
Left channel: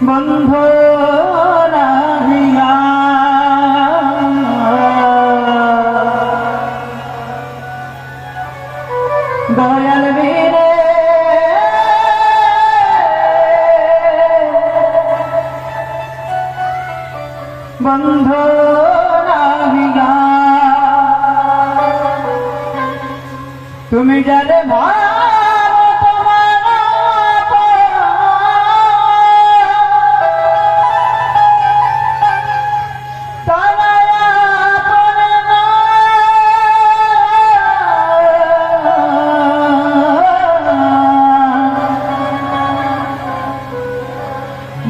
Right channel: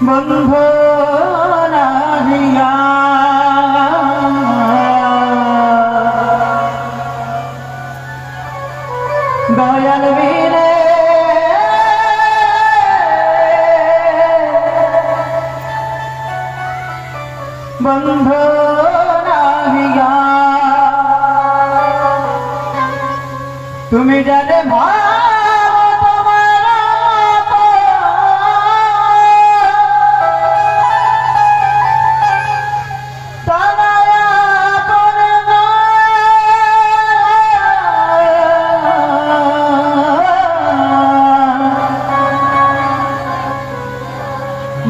বন্ধু নাহিয়া, দয়াল বিনে বন্ধু নাহিয়া, তুমি জানে মা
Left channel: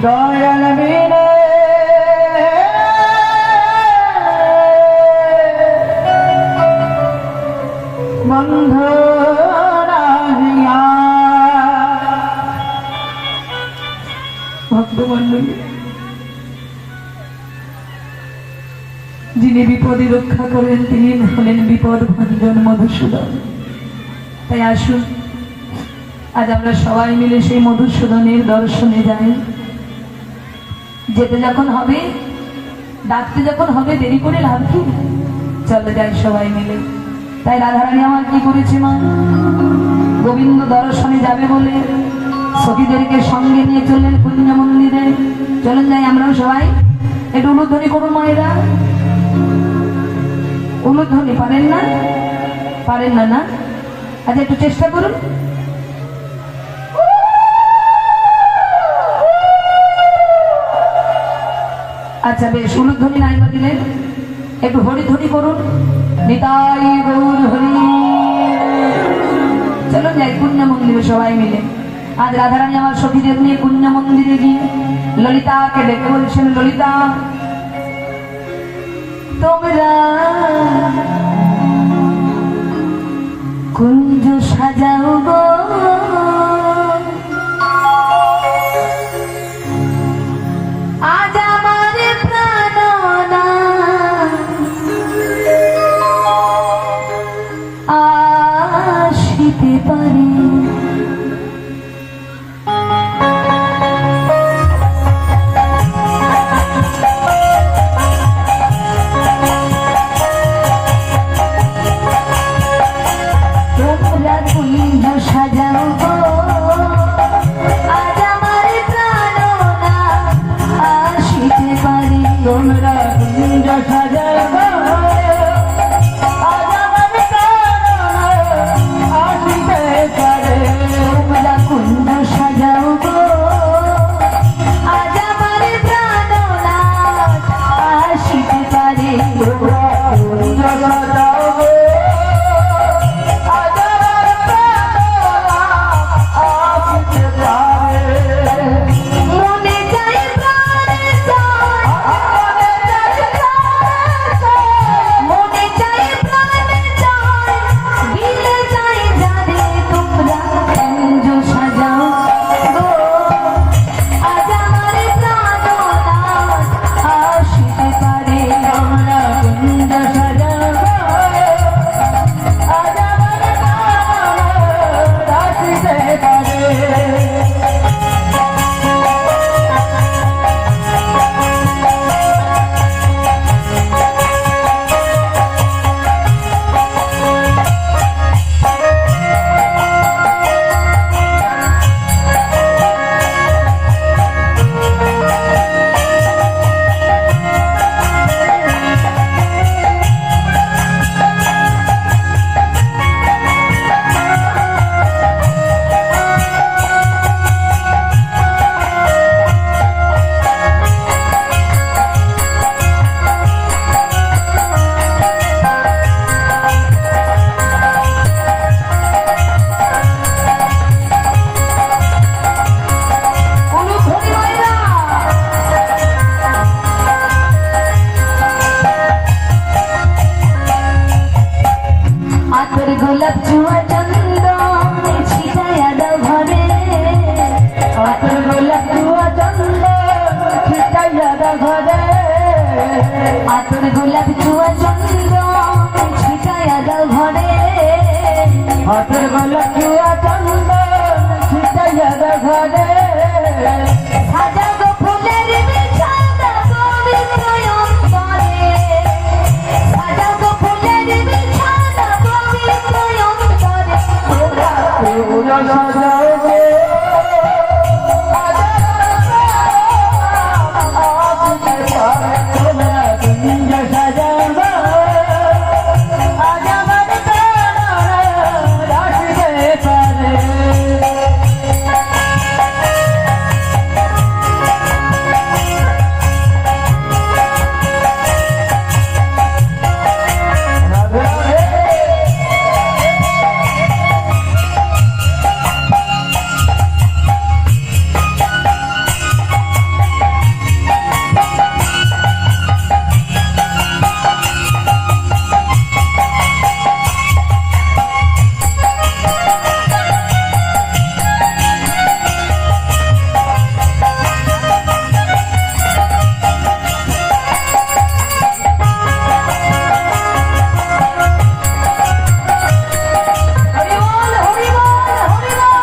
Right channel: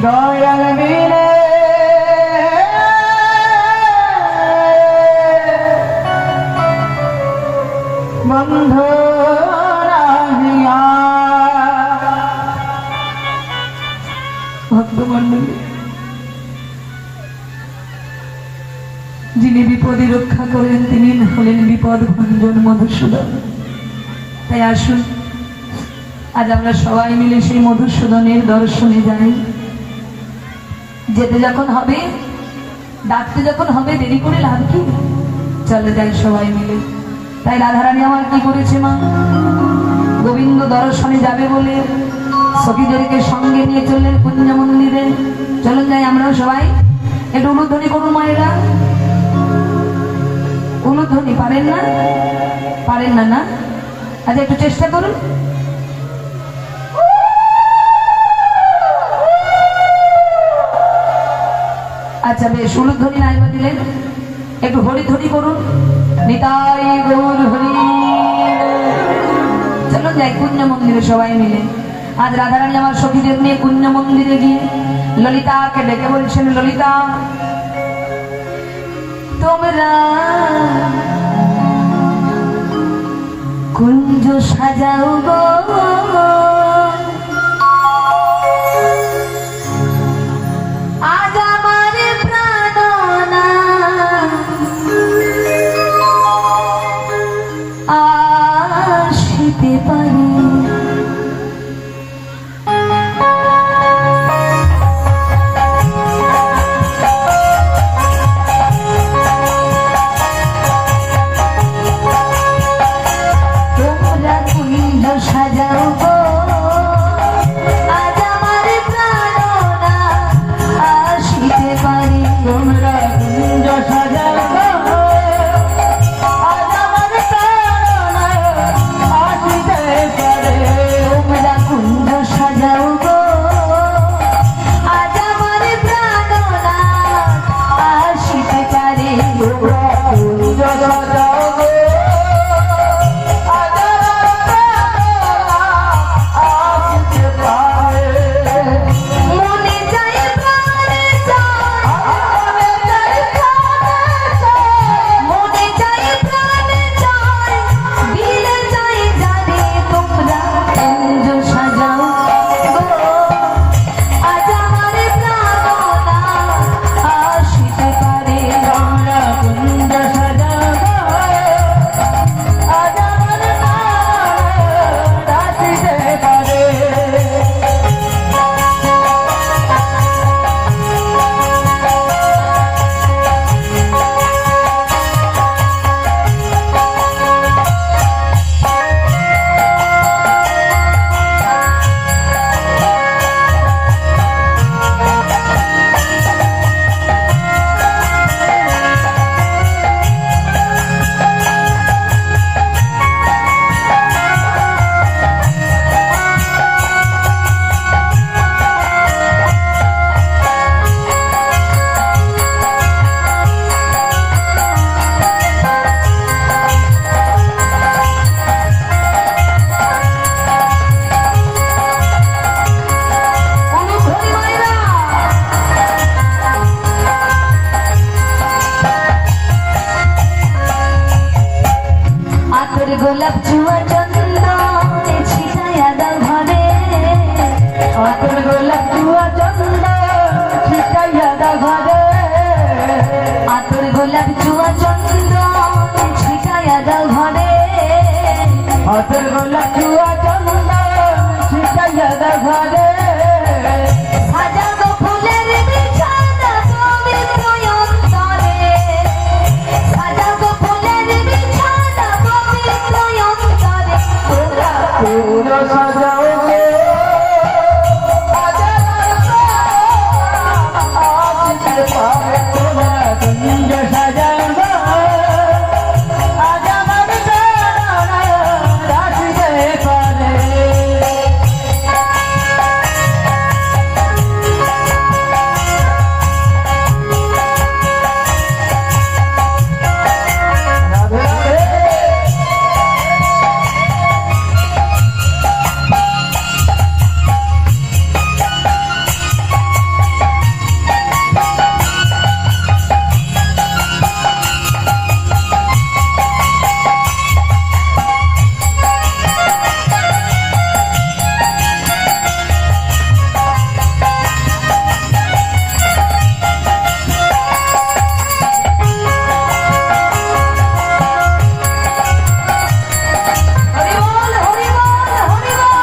দয়াল বিনে বন্ধু রাহিয়া। ভক্তমণ্ডলী, যিনি বিপদে রক্ষা করেন তিনি হলেন বিপদ ভঞ্জন মধুসূদন। তাই আসুন আজ আমরা সবাই মিলে সেই মধুসূদনের দর্শনে যাই। যেতে যখন হবে, ডাকতে যখন হবে, দেরি করে লাভ কি, চলে যাই সবাই মিলে। তাই রাধারানী আমার কি করেছে মা, গোবিন্দ দর্শনে যাবে বলে সখীদেরকে সঙ্গে নিয়ে চললেন কুঞ্জ মন্দিরে। চলুন যাই আমরাও সবাই, একটু উলুধ্বনি করুন মায়েরা। উলুধ্বনি পারেন না? পারেন না না? আজ একটু চেষ্টা করুন। আচ্ছা বেশ, উলুধ্বনি নাই বা দিলেন, একটু হরিধ্বনি করুন। নিতাই গৌর হরি। চলুন যাই কুঞ্জ মন্দিরে সবাই মিলে। আজ রাধারানী আমার সখীদের নিয়ে কুঞ্জ মন্দিরে গিয়ে ললিতাকে ডেকে বলছেন, ললিতা তোমরা কুঞ্জ সাজাও গো, পারে তোমরা কুঞ্জ সাজাও গো, আজ আমার প্রাণনা আসিতে পারে। তোমরা কুঞ্জ সাজাও গো, আজ আমার প্রাণনা আসিতে পারে। হাতের গলা চুয়া চন্দন ছিটাইয়া দাও ঘরে সাজাবো ফুলের বিছানা পবিত্র অন্তরে, সাজাবো ফুলের বিছানা পবিত্র অন্তরে। পুরো সাজাও গো তোমরা কুঞ্জ সাজাও গো আজ আমার প্রাণ রাখতে পারে হরি বল, হরি বল, হরি বল।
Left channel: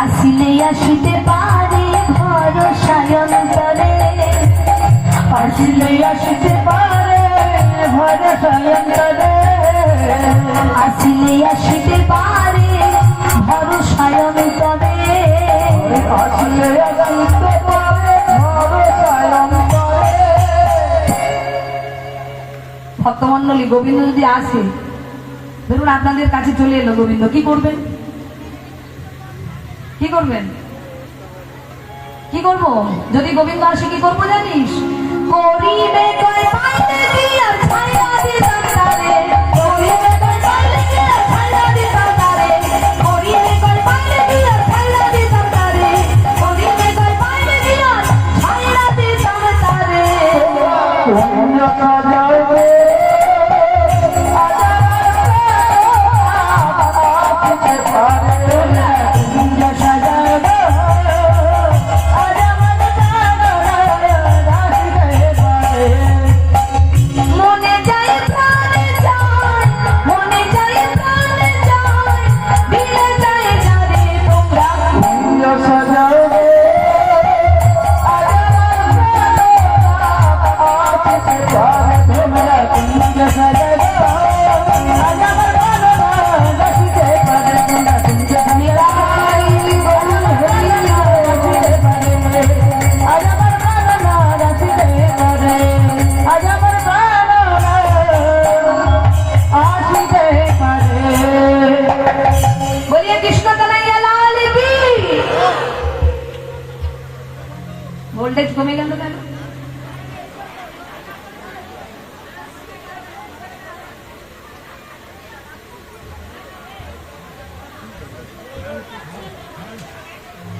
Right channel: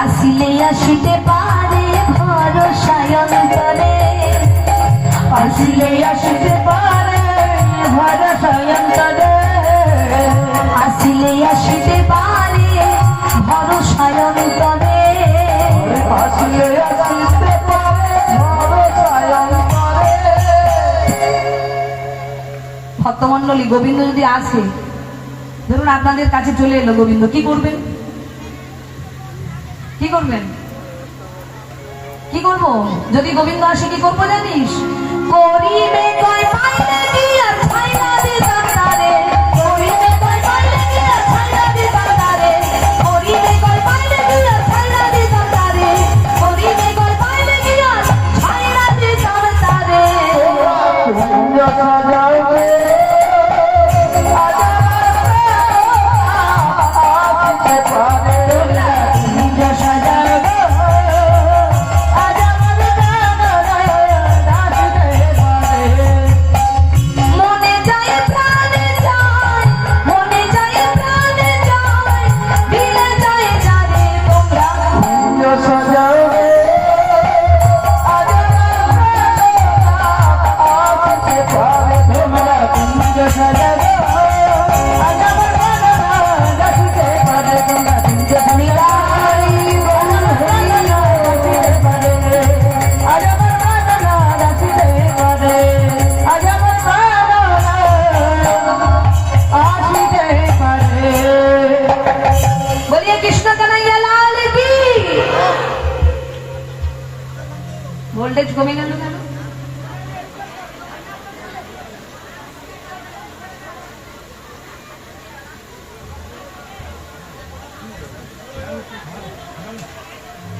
আসিলে আসিতে পারে ভরসায় অন্তরে, আসিলে আসিতে পারে ভরসায় অন্তরে আসিলে আসিতে পারে ভরসায় অন্তরে। আসিলে আসিতে পারে ভরসায় অন্তরে ভক্তমন্ডলী, গোবিন্দ যদি আসে, ধরুন আপনাদের কাছে চলে এলো গোবিন্দ, কি করবেন? কি করবেন? কি করব? যদি গোবিন্দ আসে কি করবো জানিস? করিবে কয় পাইলে কি আর ছাইরা দিতাম তারে, করিবে কয় পাইলে কি আর ছাইরা দিতাম তারে, করিবে কয় পাইলে কি আর ছাইরা দিতাম তারে, করিবে কয় পাইলে কি আর ছাইরা দিতাম তারে। কুঞ্জ সাজাও গো আসিতে পারে কুঞ্জ সাজাও গো আজ আমার প্রাণ রাখতে পারে মনে যায় প্রাণে যায়, মনে যায় প্রাণে যায়, দিলে যায় যারে তোমরা। কুঞ্জ সাজাও গো আজ আমার প্রাণ আসিতে পারে তোমরা কুঞ্জ সাজাও গো আজ আমার প্রাণ রাখতে পারে তোমরা কুঞ্জ সাজাও গো বলিয়ে কৃষ্ণ কানাইয়া লাল কি। ভোল্টেজ কমে গেল কেন?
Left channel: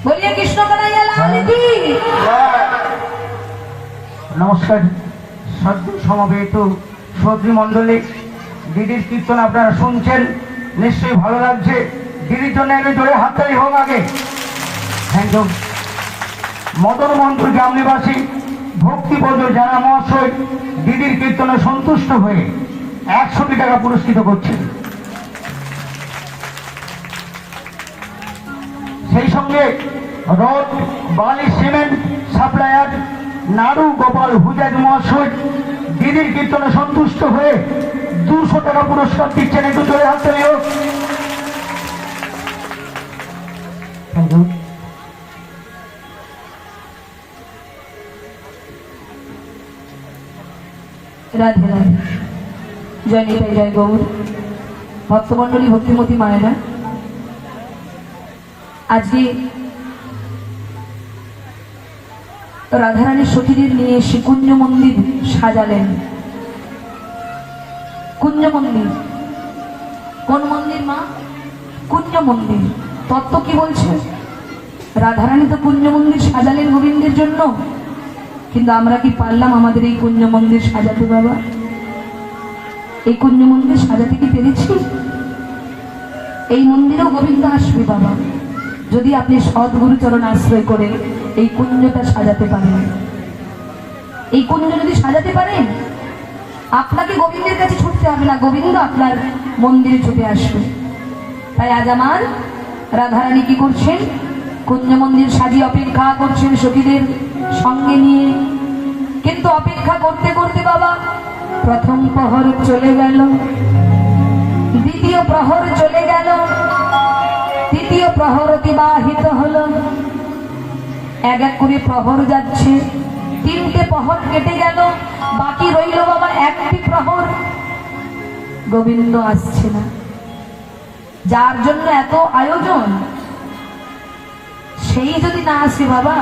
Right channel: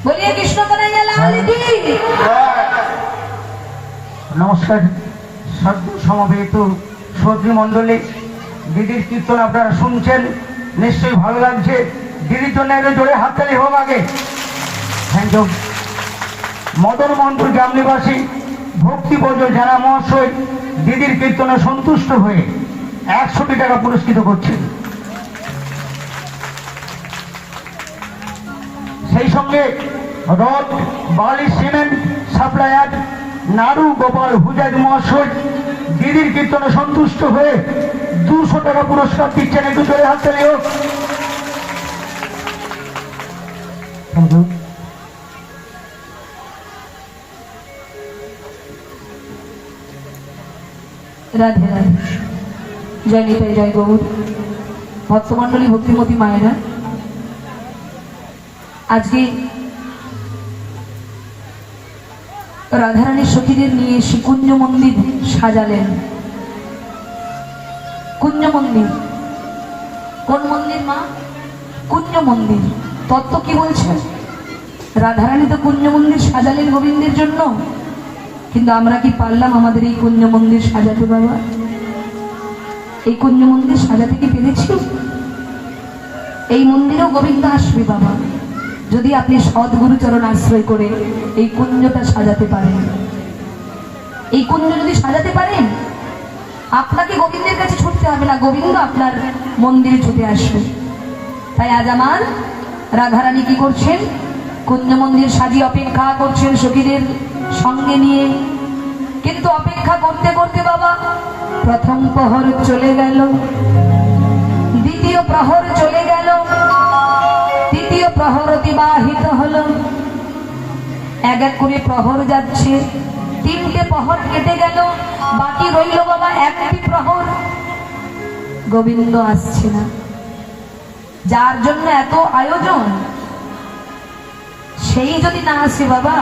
বলিয়ে কৃষ্ণ কানাইয়া লাল কি। নমস্কার সদ্য সমবেত শ্রদ্ধী মণ্ডলী, দিদির কীর্তন আপনারা শুনছেন, নিশ্চয়ই ভালো লাগছে। দিদির জন্য এনে জোরে হাততালি হোক আগে। Thank you. মদন মোহনপুর গ্রাম নিবাসী ভক্তি বর্জন জানা মহাশয় দিদির কীর্তনে সন্তুষ্ট হয়ে 100 টাকা পুরস্কৃত করছেন। সেই সঙ্গে রড, বালি, সিমেন্ট সাপ্লায়ার নাড়ু গোপাল হুজাজ মহাশয় দিদির কীর্তনে সন্তুষ্ট হয়ে 200 টাকা পুরস্কার দিচ্ছেন। একটু জোরে হাত তালি হোক। রাধে রাধে, জয় নিতাই, জয় গৌর। ভক্তমন্ডলী, ভক্তিমতী মায়েরা, আজকে রাধারানীর সখীদের নিয়ে এসে কুঞ্জ মন্দির সাজালেন। কুঞ্জ মন্দির, কোন মন্দির মা? কুঞ্জ মন্দির। তত্ত্ব কি বলছে? রাধারানী তো কুঞ্জ মন্দির সাজালেন গোবিন্দের জন্য, কিন্তু আমরা কি পারলাম আমাদের এই কুঞ্জ মন্দির সাজাতে বাবা? এই কুঞ্জ মন্দির সাজাতে কি পেরেছি? এই মন্দিরেও গোবিন্দ আসবে বাবা, যদি আপনি সদ্গুরু চরণ আশ্রয় করে এই কুঞ্জটা সাজাতে পারেন। এই কুঞ্জ যদি সাজাতে পারেন, আপনাকে গোবিন্দের কাছে ছুটতে হবে না, গোবিন্দ আপনার মন্দিরে ছুটে আসবে। তাই আজ আমার রাধারানী কি করছেন? কুঞ্জ মন্দির সাজিয়ে অপেক্ষা করছেন সখীদের সঙ্গে নিয়ে। কিন্তু অপেক্ষা করতে করতে বাবা প্রথম প্রহর চলে গেল, দ্বিতীয় প্রহর চলে গেল, তৃতীয় প্রহর অতিবাহিত হলো। এক এক করে প্রহর যাচ্ছে, তিনটে প্রহর কেটে গেল, বাকি রইল বাবা একটি প্রহর। গোবিন্দ আসছে না। যার জন্য এত আয়োজন, সেই যদি না আসে বাবা,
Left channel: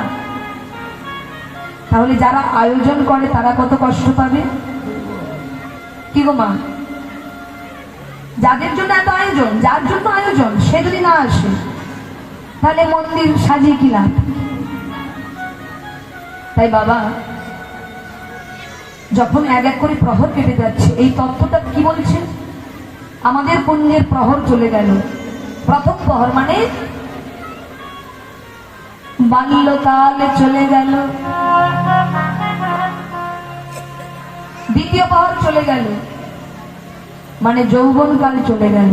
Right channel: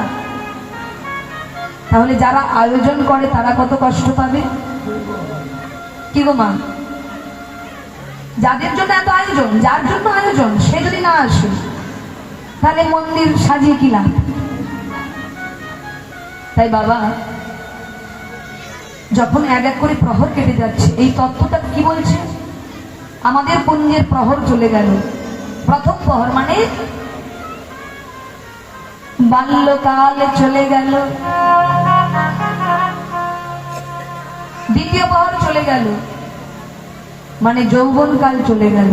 তাহলে যারা আয়োজন করে তারা কত কষ্ট পাবে। কি গো মা, যাদের জন্য এত আয়োজন, যার জন্য আয়োজন, সে যদি না আসে, তাহলে মন্দির সাজিয়ে কি লাভ? তাই বাবা যখন এক এক করে প্রহর কেটে যাচ্ছে, এই তত্ত্বটা কি বলছে? আমাদের পুণ্যের প্রহর চলে গেল। প্রথম প্রহর মানে বাল্যকাল চলে গেল, দ্বিতীয় প্রহর চলে গেল মানে যৌবনকাল চলে গেল,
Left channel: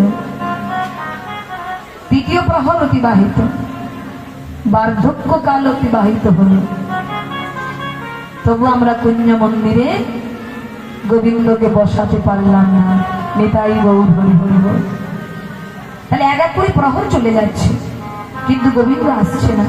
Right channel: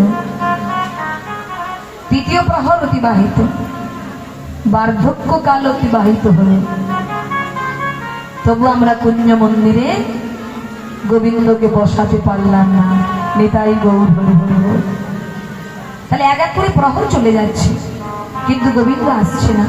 তৃতীয় প্রহর অতিবাহিত, বার্ধক্যকাল অতিবাহিত হল। তবু আমরা কুঞ্জ মন্দিরে গোবিন্দকে বসাতে পারলাম না। নেতাই গৌর হরি হরি বল। তাহলে এক এক করে প্রহর চলে যাচ্ছে, কিন্তু গোবিন্দ আসছে না।